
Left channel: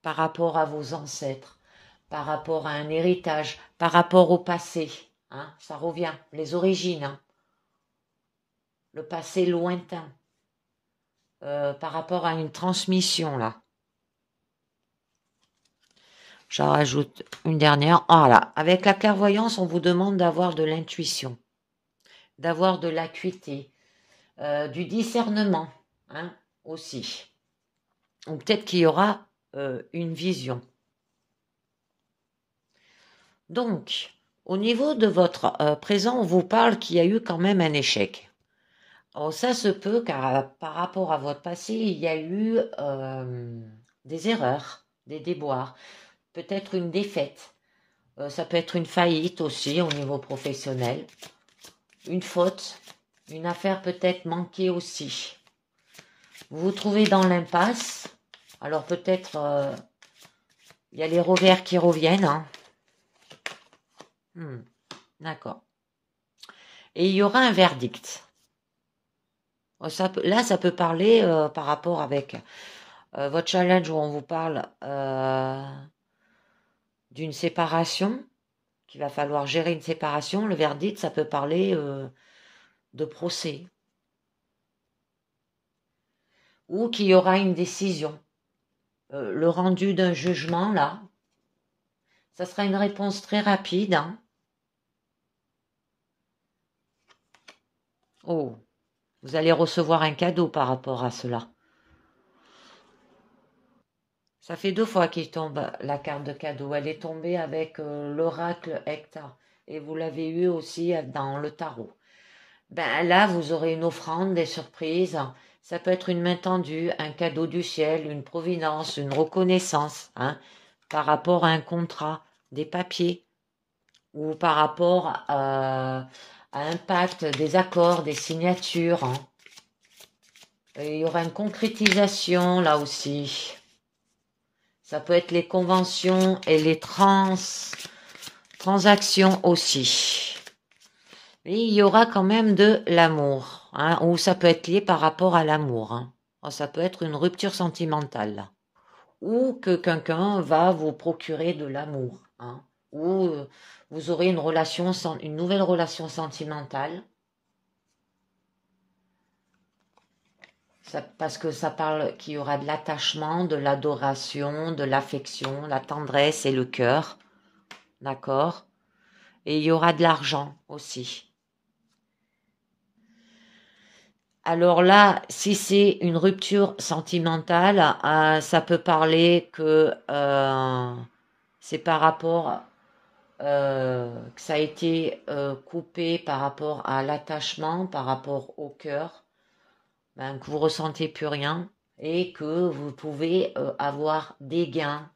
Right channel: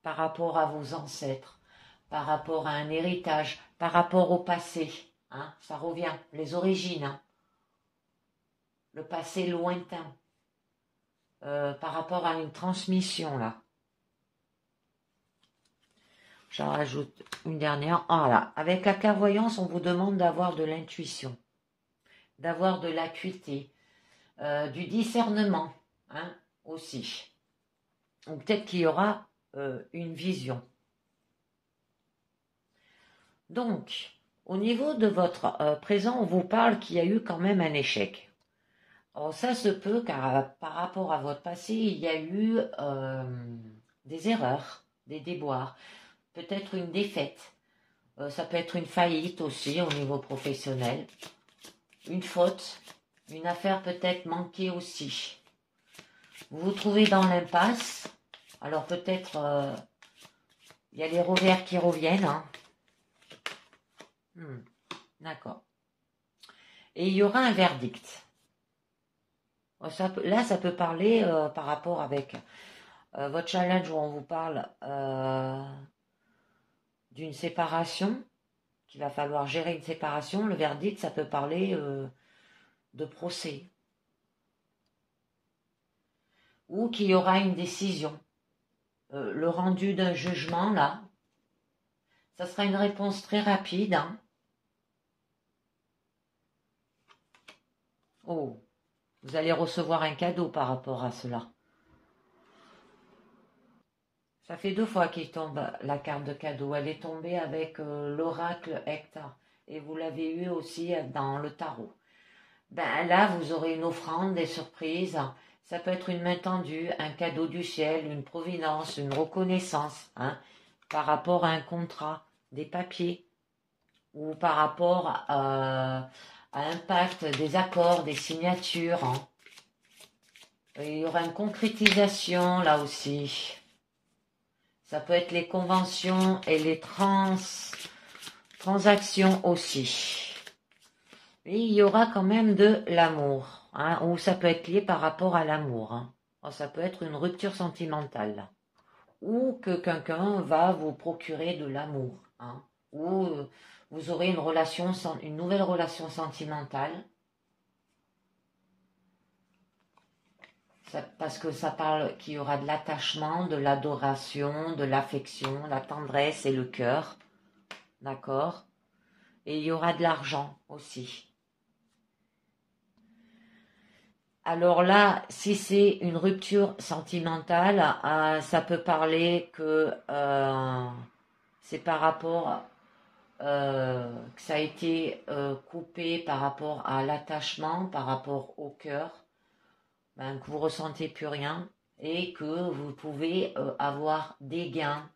par rapport à vos ancêtres, par rapport à un héritage, par rapport au passé, hein, ça revient, les origines, hein, le passé lointain, par rapport à une transmission là. J'en rajoute une dernière. Voilà. Avec la clairvoyance, on vous demande d'avoir de l'intuition, d'avoir de l'acuité, du discernement, hein, aussi. Ou peut-être qu'il y aura une vision. Donc, au niveau de votre présent, on vous parle qu'il y a eu quand même un échec. Alors ça se peut car par rapport à votre passé, il y a eu des erreurs, des déboires, peut-être une défaite. Ça peut être une faillite aussi au niveau professionnel, une faute, une affaire peut-être manquée aussi. Vous vous trouvez dans l'impasse, alors peut-être il y a les revers qui reviennent. Hein. D'accord. Et il y aura un verdict. Là, ça peut parler par rapport avec votre challenge où on vous parle d'une séparation, qu'il va falloir gérer une séparation. Le verdict, ça peut parler de procès. Ou qu'il y aura une décision. Le rendu d'un jugement, là, ça sera une réponse très rapide. Hein. Oh, vous allez recevoir un cadeau par rapport à cela. Ça fait 2 fois qu'il tombe la carte de cadeau. Elle est tombée avec l'oracle Hector. Et vous l'avez eu aussi dans le tarot. Ben là, vous aurez une offrande, des surprises. Ça peut être une main tendue, un cadeau du ciel, une providence, une reconnaissance, hein, par rapport à un contrat, des papiers, ou par rapport à un pacte, des accords, des signatures. Hein. Et il y aura une concrétisation là aussi. Ça peut être les conventions et les transactions aussi. Et il y aura quand même de l'amour, hein, ou ça peut être lié par rapport à l'amour. Hein. Ça peut être une rupture sentimentale. Ou que quelqu'un va vous procurer de l'amour. Hein, ou vous aurez une nouvelle relation sentimentale. Parce que ça parle qu'il y aura de l'attachement, de l'adoration, de l'affection, la tendresse et le cœur. D'accord? Et il y aura de l'argent aussi. Alors là, si c'est une rupture sentimentale, ça peut parler que c'est par rapport que ça a été coupé par rapport à l'attachement, par rapport au cœur. Ben, que vous ressentez plus rien et que vous pouvez avoir des gains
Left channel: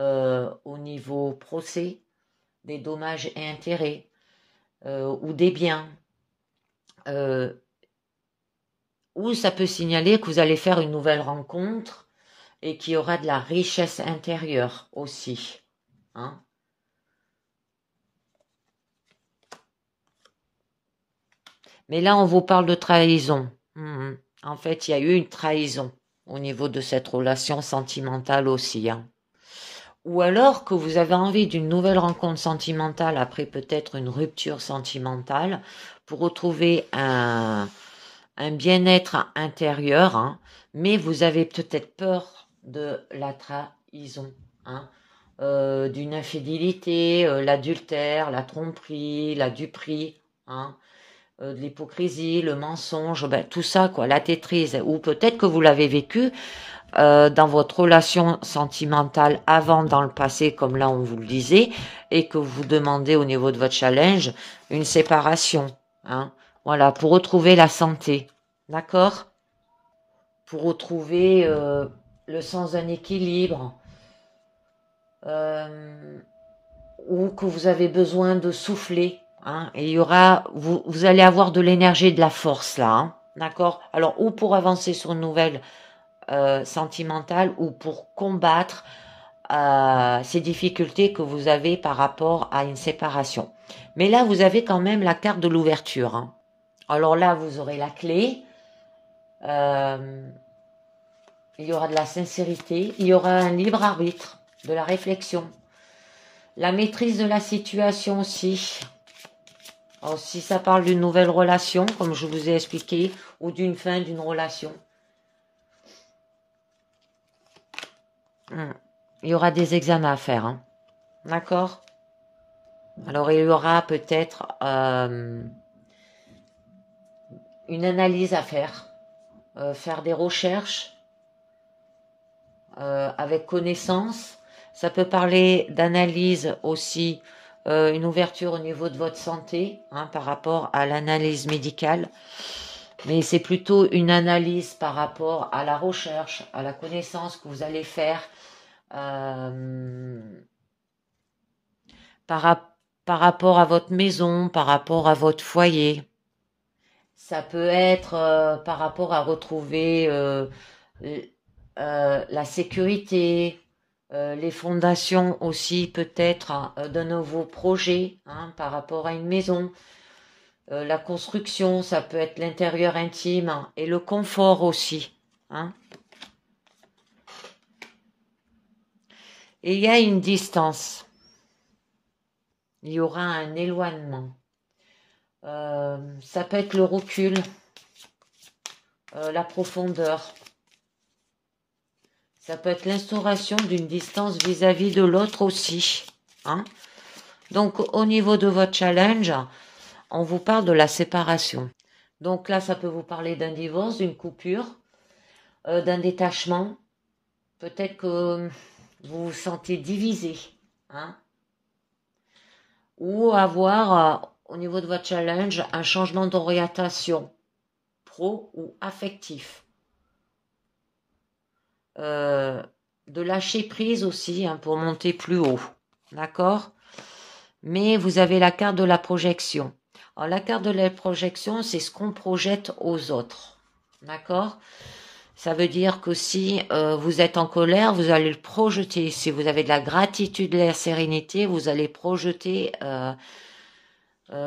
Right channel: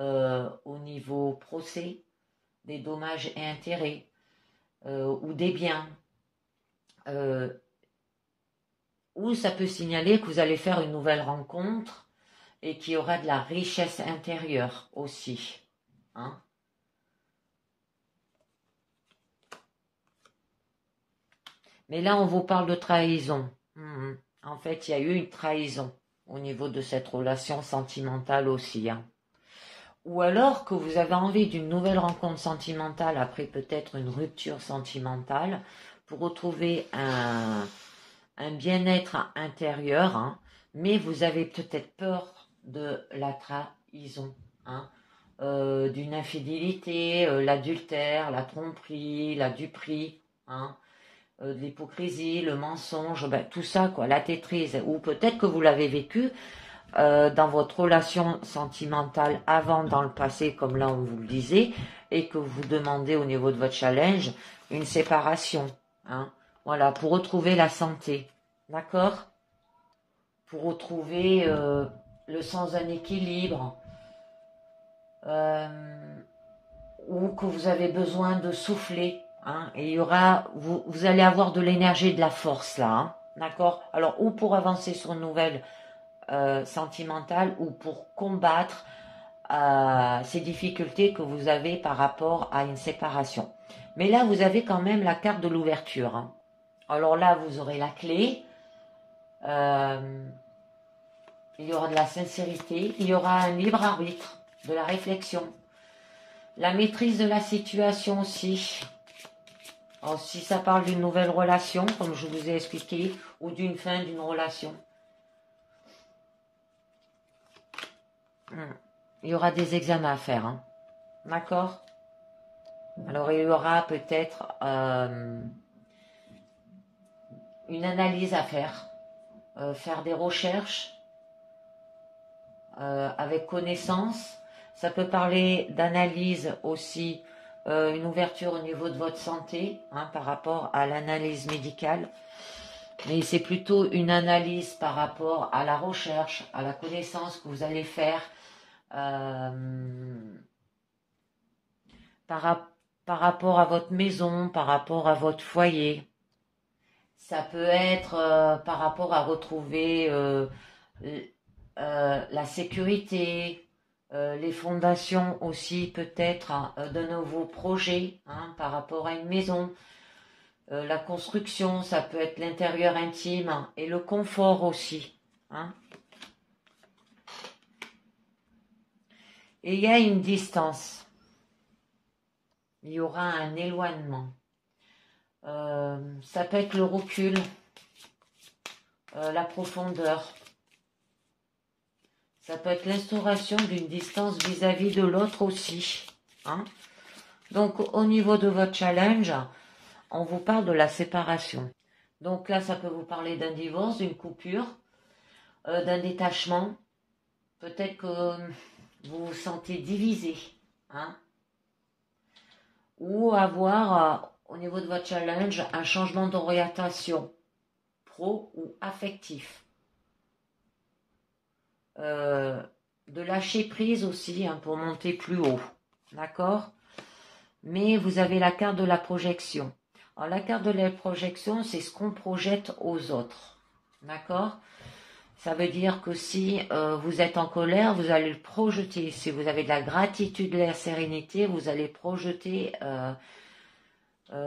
au niveau procès, des dommages et intérêts ou des biens. Ou ça peut signaler que vous allez faire une nouvelle rencontre et qu'il y aura de la richesse intérieure aussi. Hein. Mais là, on vous parle de trahison. En fait, il y a eu une trahison au niveau de cette relation sentimentale aussi. Hein. Ou alors que vous avez envie d'une nouvelle rencontre sentimentale après peut-être une rupture sentimentale pour retrouver un bien-être intérieur, hein, mais vous avez peut-être peur de la trahison, hein, d'une infidélité, l'adultère, la tromperie, la duperie, hein, de l'hypocrisie, le mensonge, ben, tout ça, quoi, la tétrise, ou peut-être que vous l'avez vécu dans votre relation sentimentale avant, dans le passé, comme là on vous le disait, et que vous demandez au niveau de votre challenge une séparation, hein, voilà, pour retrouver la santé, d'accord, pour retrouver le sens d'un équilibre, ou que vous avez besoin de souffler. Hein, et il y aura, vous allez avoir de l'énergie et de la force là, hein, d'accord. Alors, ou pour avancer sur une nouvelle sentimentale, ou pour combattre ces difficultés que vous avez par rapport à une séparation. Mais là, vous avez quand même la carte de l'ouverture, hein. Alors là, vous aurez la clé. Il y aura de la sincérité. Il y aura un libre arbitre, de la réflexion. La maîtrise de la situation aussi. Alors, si ça parle d'une nouvelle relation, comme je vous ai expliqué, ou d'une fin d'une relation. Il y aura des examens à faire, hein. D'accord? Alors, il y aura peut-être une analyse à faire. Faire des recherches avec connaissance. Ça peut parler d'analyse aussi, une ouverture au niveau de votre santé, hein, par rapport à l'analyse médicale. Mais c'est plutôt une analyse par rapport à la recherche, à la connaissance que vous allez faire par rapport à votre maison, par rapport à votre foyer. Ça peut être par rapport à retrouver la sécurité, les fondations aussi peut-être d'un nouveau projet, hein, par rapport à une maison. La construction, ça peut être l'intérieur intime, hein, et le confort aussi, hein. Et il y a une distance. Il y aura un éloignement. Ça peut être le recul, la profondeur. Ça peut être l'instauration d'une distance vis-à-vis de l'autre aussi, hein. Donc, au niveau de votre challenge, on vous parle de la séparation. Donc là, ça peut vous parler d'un divorce, d'une coupure, d'un détachement. Peut-être que vous vous sentez divisé, hein. Ou avoir, au niveau de votre challenge, un changement d'orientation pro ou affectif. De lâcher prise aussi, hein, pour monter plus haut. D'accord? Mais vous avez la carte de la projection. Alors, la carte de la projection, c'est ce qu'on projette aux autres. D'accord? Ça veut dire que si vous êtes en colère, vous allez le projeter. Si vous avez de la gratitude et de la sérénité, vous allez projeter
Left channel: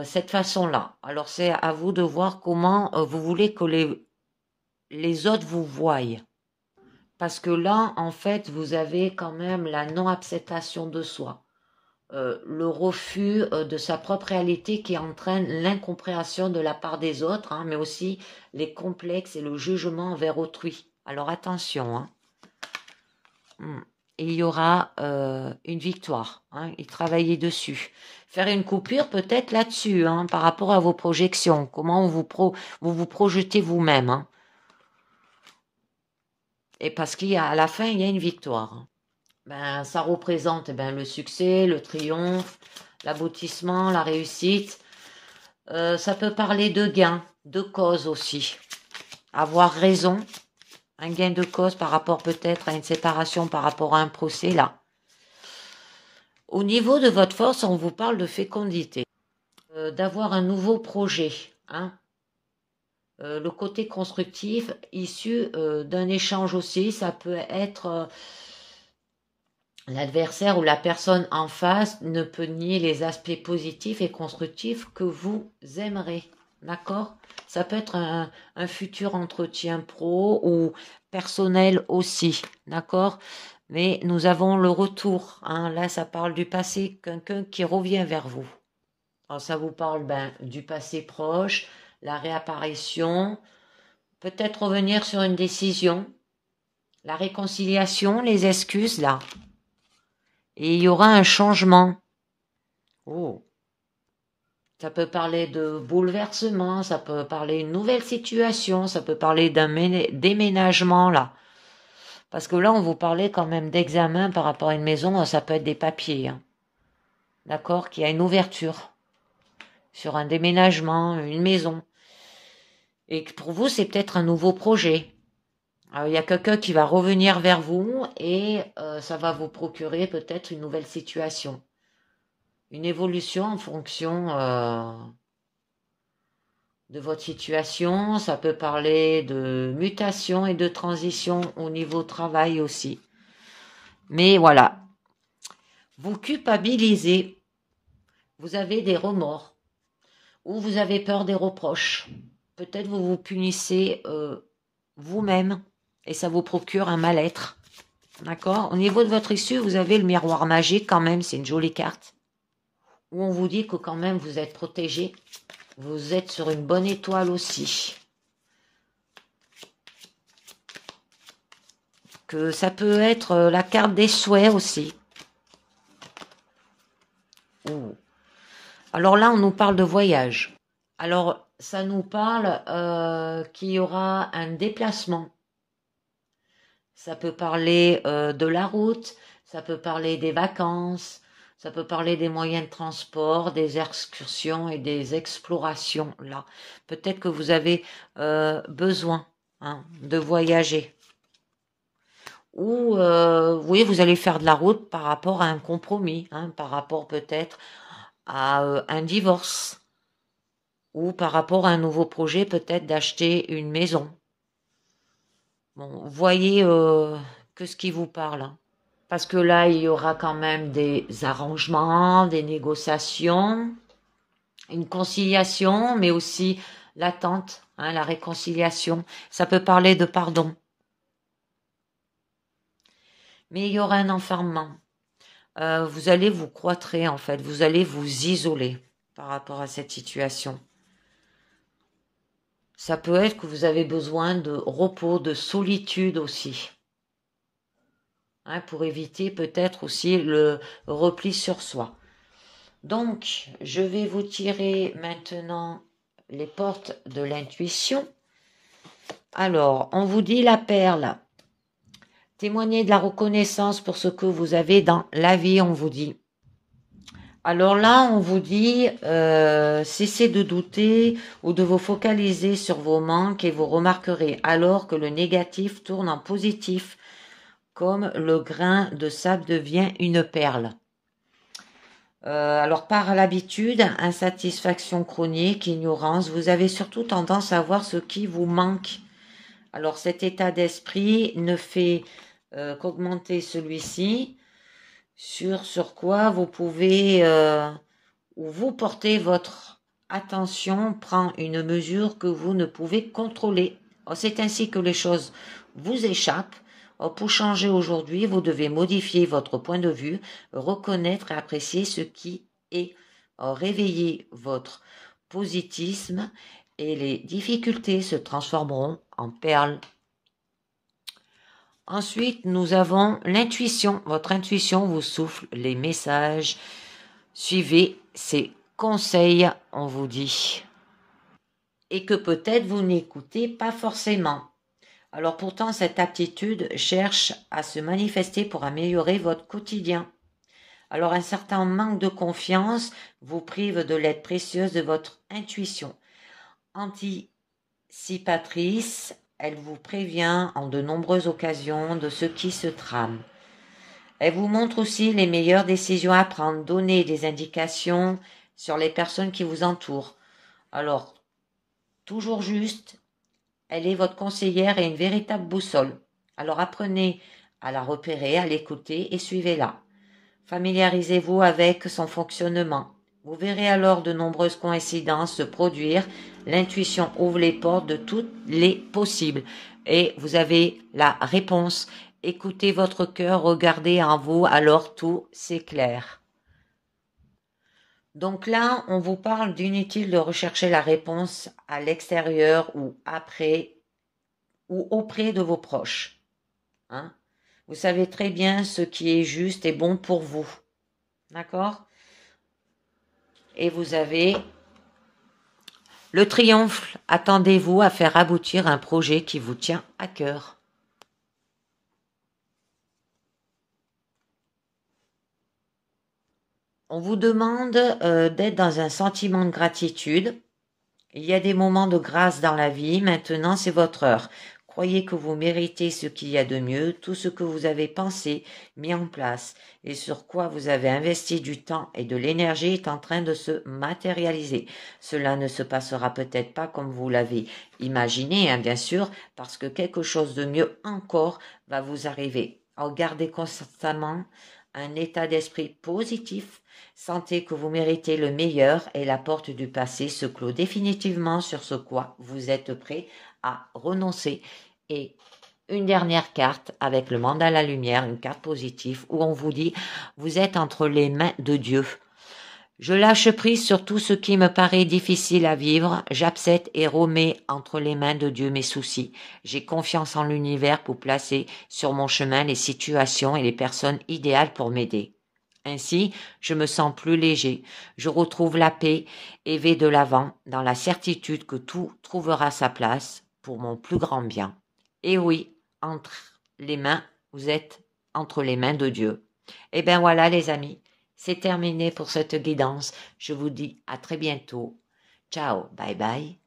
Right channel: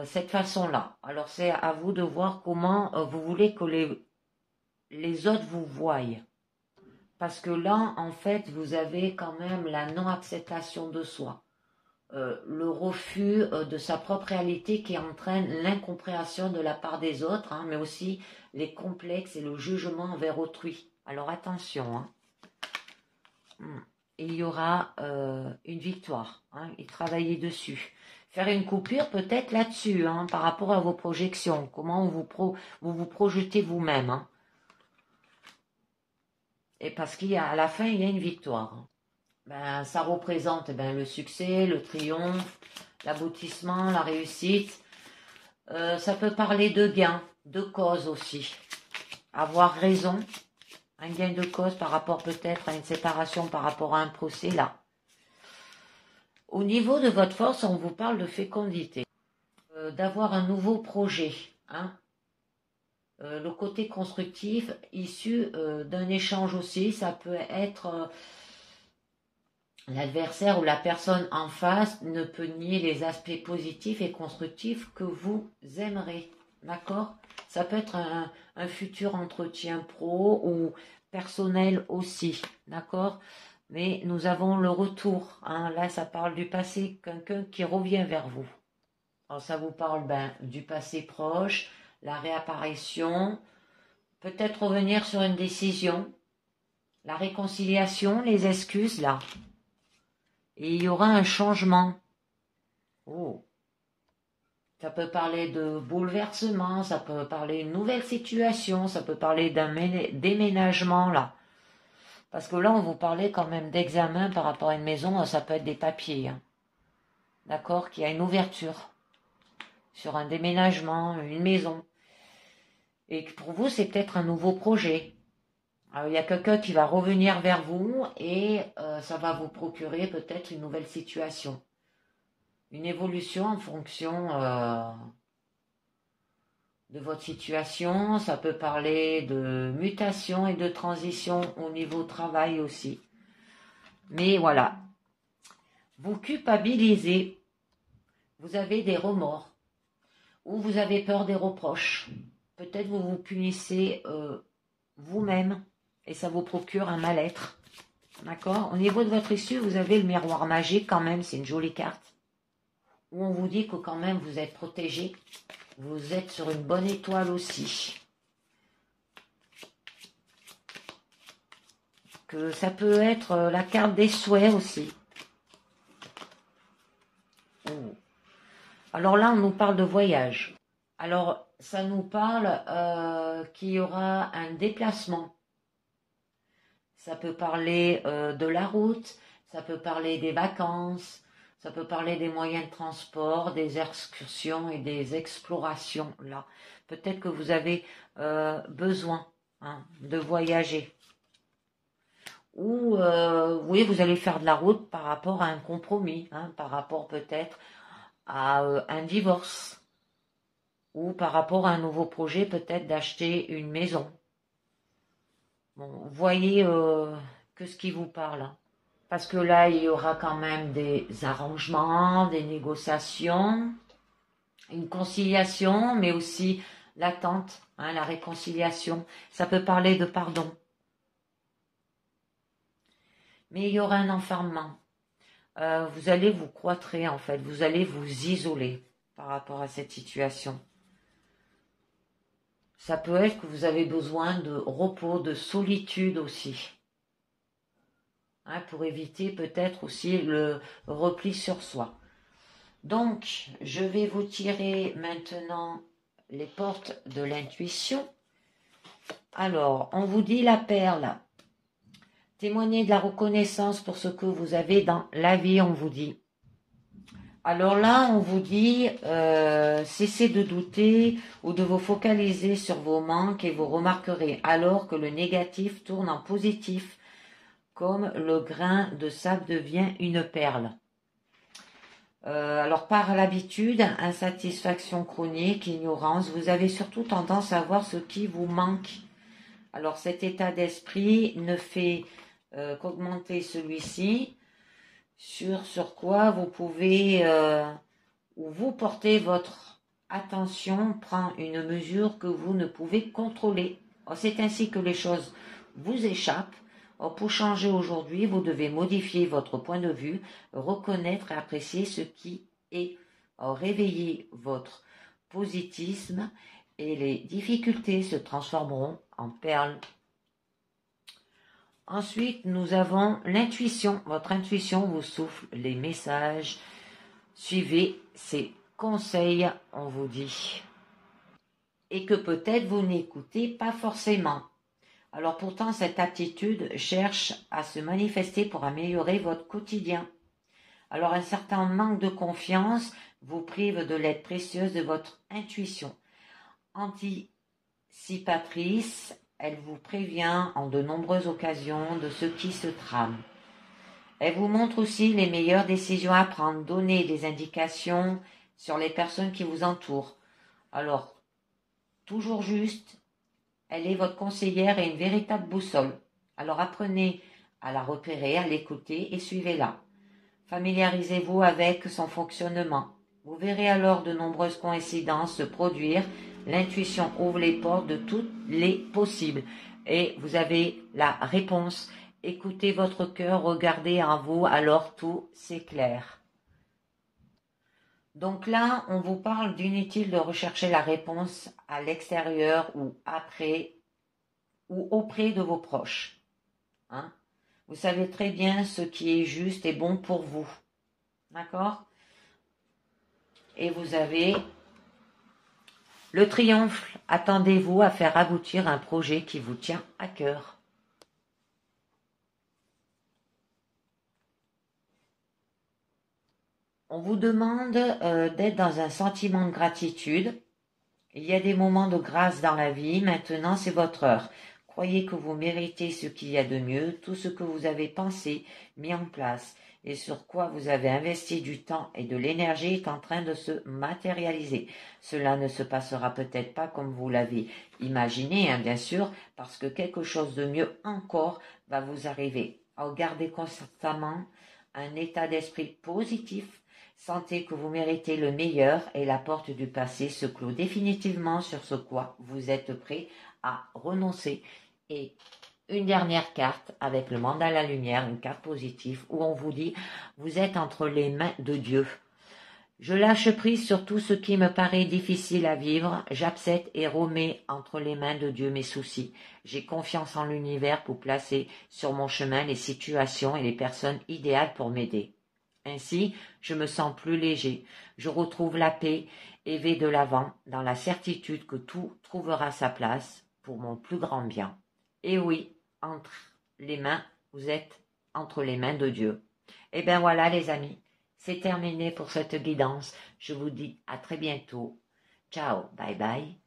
cette façon-là. Alors, c'est à vous de voir comment vous voulez que les autres vous voient. Parce que là, en fait, vous avez quand même la non-acceptation de soi. Le refus de sa propre réalité qui entraîne l'incompréhension de la part des autres, hein, mais aussi les complexes et le jugement envers autrui. Alors attention, hein. Et il y aura une victoire, hein, et travailler dessus. Faire une coupure peut-être là-dessus, hein, par rapport à vos projections, comment vous vous projetez vous-même, hein. Et parce qu'à la fin, il y a une victoire, hein. Ben, ça représente le succès, le triomphe, l'aboutissement, la réussite. Ça peut parler de gain, de cause aussi. Avoir raison, un gain de cause par rapport peut-être à une séparation, par rapport à un procès là. Au niveau de votre force, on vous parle de fécondité, d'avoir un nouveau projet, hein. Le côté constructif issu d'un échange aussi, ça peut être... l'adversaire ou la personne en face ne peut nier les aspects positifs et constructifs que vous aimerez. D'accord? Ça peut être un futur entretien pro ou personnel aussi. D'accord? Mais nous avons le retour, hein. Là, ça parle du passé, quelqu'un qui revient vers vous. Alors, ça vous parle du passé proche, la réapparition, peut-être revenir sur une décision, la réconciliation, les excuses, là. Et il y aura un changement. Oh. Ça peut parler de bouleversement, ça peut parler d'une nouvelle situation, ça peut parler d'un déménagement là. Parce que là, on vous parlait quand même d'examen par rapport à une maison, ça peut être des papiers, hein. D'accord? Qu'il y a une ouverture sur un déménagement, une maison. Et que pour vous, c'est peut-être un nouveau projet. Alors, il y a quelqu'un qui va revenir vers vous et ça va vous procurer peut-être une nouvelle situation. Une évolution en fonction de votre situation. Ça peut parler de mutation et de transition au niveau travail aussi. Mais voilà, vous culpabilisez, vous avez des remords, ou vous avez peur des reproches. Peut-être vous vous punissez vous-même, et ça vous procure un mal-être. D'accord? Au niveau de votre issue, vous avez le miroir magique quand même, c'est une jolie carte, où on vous dit que quand même vous êtes protégé, vous êtes sur une bonne étoile aussi. Que ça peut être la carte des souhaits aussi. Ouh. Alors là, on nous parle de voyage. Alors, ça nous parle qu'il y aura un déplacement. Ça peut parler de la route, ça peut parler des vacances, ça peut parler des moyens de transport, des excursions et des explorations. Là, peut-être que vous avez besoin de voyager. Ou, oui, vous allez faire de la route par rapport à un compromis, par rapport peut-être à un divorce. Ou par rapport à un nouveau projet, peut-être d'acheter une maison. Bon, voyez que ce qui vous parle. Parce que là, il y aura quand même des arrangements, des négociations, une conciliation, mais aussi l'attente, la réconciliation. Ça peut parler de pardon. Mais il y aura un enfermement. Vous allez vous cloîtrer en fait, vous allez vous isoler par rapport à cette situation. Ça peut être que vous avez besoin de repos, de solitude aussi. Pour éviter peut-être aussi le repli sur soi. Donc, je vais vous tirer maintenant les portes de l'intuition. Alors, on vous dit la perle. Témoignez de la reconnaissance pour ce que vous avez dans la vie, on vous dit. Alors là, on vous dit, cessez de douter ou de vous focaliser sur vos manques et vous remarquerez alors que le négatif tourne en positif, comme le grain de sable devient une perle. Alors par l'habitude, insatisfaction chronique, ignorance, vous avez surtout tendance à voir ce qui vous manque. Alors cet état d'esprit ne fait qu'augmenter celui-ci, sur quoi vous pouvez, ou vous portez votre attention, prend une mesure que vous ne pouvez contrôler. C'est ainsi que les choses vous échappent. Pour changer aujourd'hui, vous devez modifier votre point de vue, reconnaître et apprécier ce qui est, réveiller votre positivisme et les difficultés se transformeront en perles. Ensuite, nous avons l'intuition. Votre intuition vous souffle les messages. Suivez ces conseils, on vous dit. Et que peut-être vous n'écoutez pas forcément. Alors pourtant, cette aptitude cherche à se manifester pour améliorer votre quotidien. Alors un certain manque de confiance vous prive de l'aide précieuse de votre intuition. Anticipatrice, elle vous prévient en de nombreuses occasions de ce qui se trame. Elle vous montre aussi les meilleures décisions à prendre, donner des indications sur les personnes qui vous entourent. Alors, toujours juste, elle est votre conseillère et une véritable boussole. Alors apprenez à la repérer, à l'écouter et suivez-la. Familiarisez-vous avec son fonctionnement. Vous verrez alors de nombreuses coïncidences se produire. L'intuition ouvre les portes de toutes les possibles. Et vous avez la réponse. Écoutez votre cœur, regardez en vous, alors tout s'éclaire. Donc là, on vous parle d'inutile de rechercher la réponse à l'extérieur ou après ou auprès de vos proches. Vous savez très bien ce qui est juste et bon pour vous. D'accord? Et vous avez le triomphe. Attendez-vous à faire aboutir un projet qui vous tient à cœur. On vous demande d'être dans un sentiment de gratitude. Il y a des moments de grâce dans la vie. Maintenant, c'est votre heure. Croyez que vous méritez ce qu'il y a de mieux, tout ce que vous avez pensé, mis en place et sur quoi vous avez investi du temps et de l'énergie est en train de se matérialiser. Cela ne se passera peut-être pas comme vous l'avez imaginé, bien sûr, parce que quelque chose de mieux encore va vous arriver. Alors, gardez constamment un état d'esprit positif. Sentez que vous méritez le meilleur et la porte du passé se clôt définitivement sur ce quoi vous êtes prêt à renoncer. Et une dernière carte avec le monde à la lumière, une carte positive où on vous dit vous êtes entre les mains de Dieu. Je lâche prise sur tout ce qui me paraît difficile à vivre, j'accepte et remets entre les mains de Dieu mes soucis. J'ai confiance en l'univers pour placer sur mon chemin les situations et les personnes idéales pour m'aider. Ainsi, je me sens plus léger, je retrouve la paix et vais de l'avant dans la certitude que tout trouvera sa place pour mon plus grand bien. Et oui, entre les mains, vous êtes entre les mains de Dieu. Et bien voilà les amis. C'est terminé pour cette guidance. Je vous dis à très bientôt. Ciao, bye bye.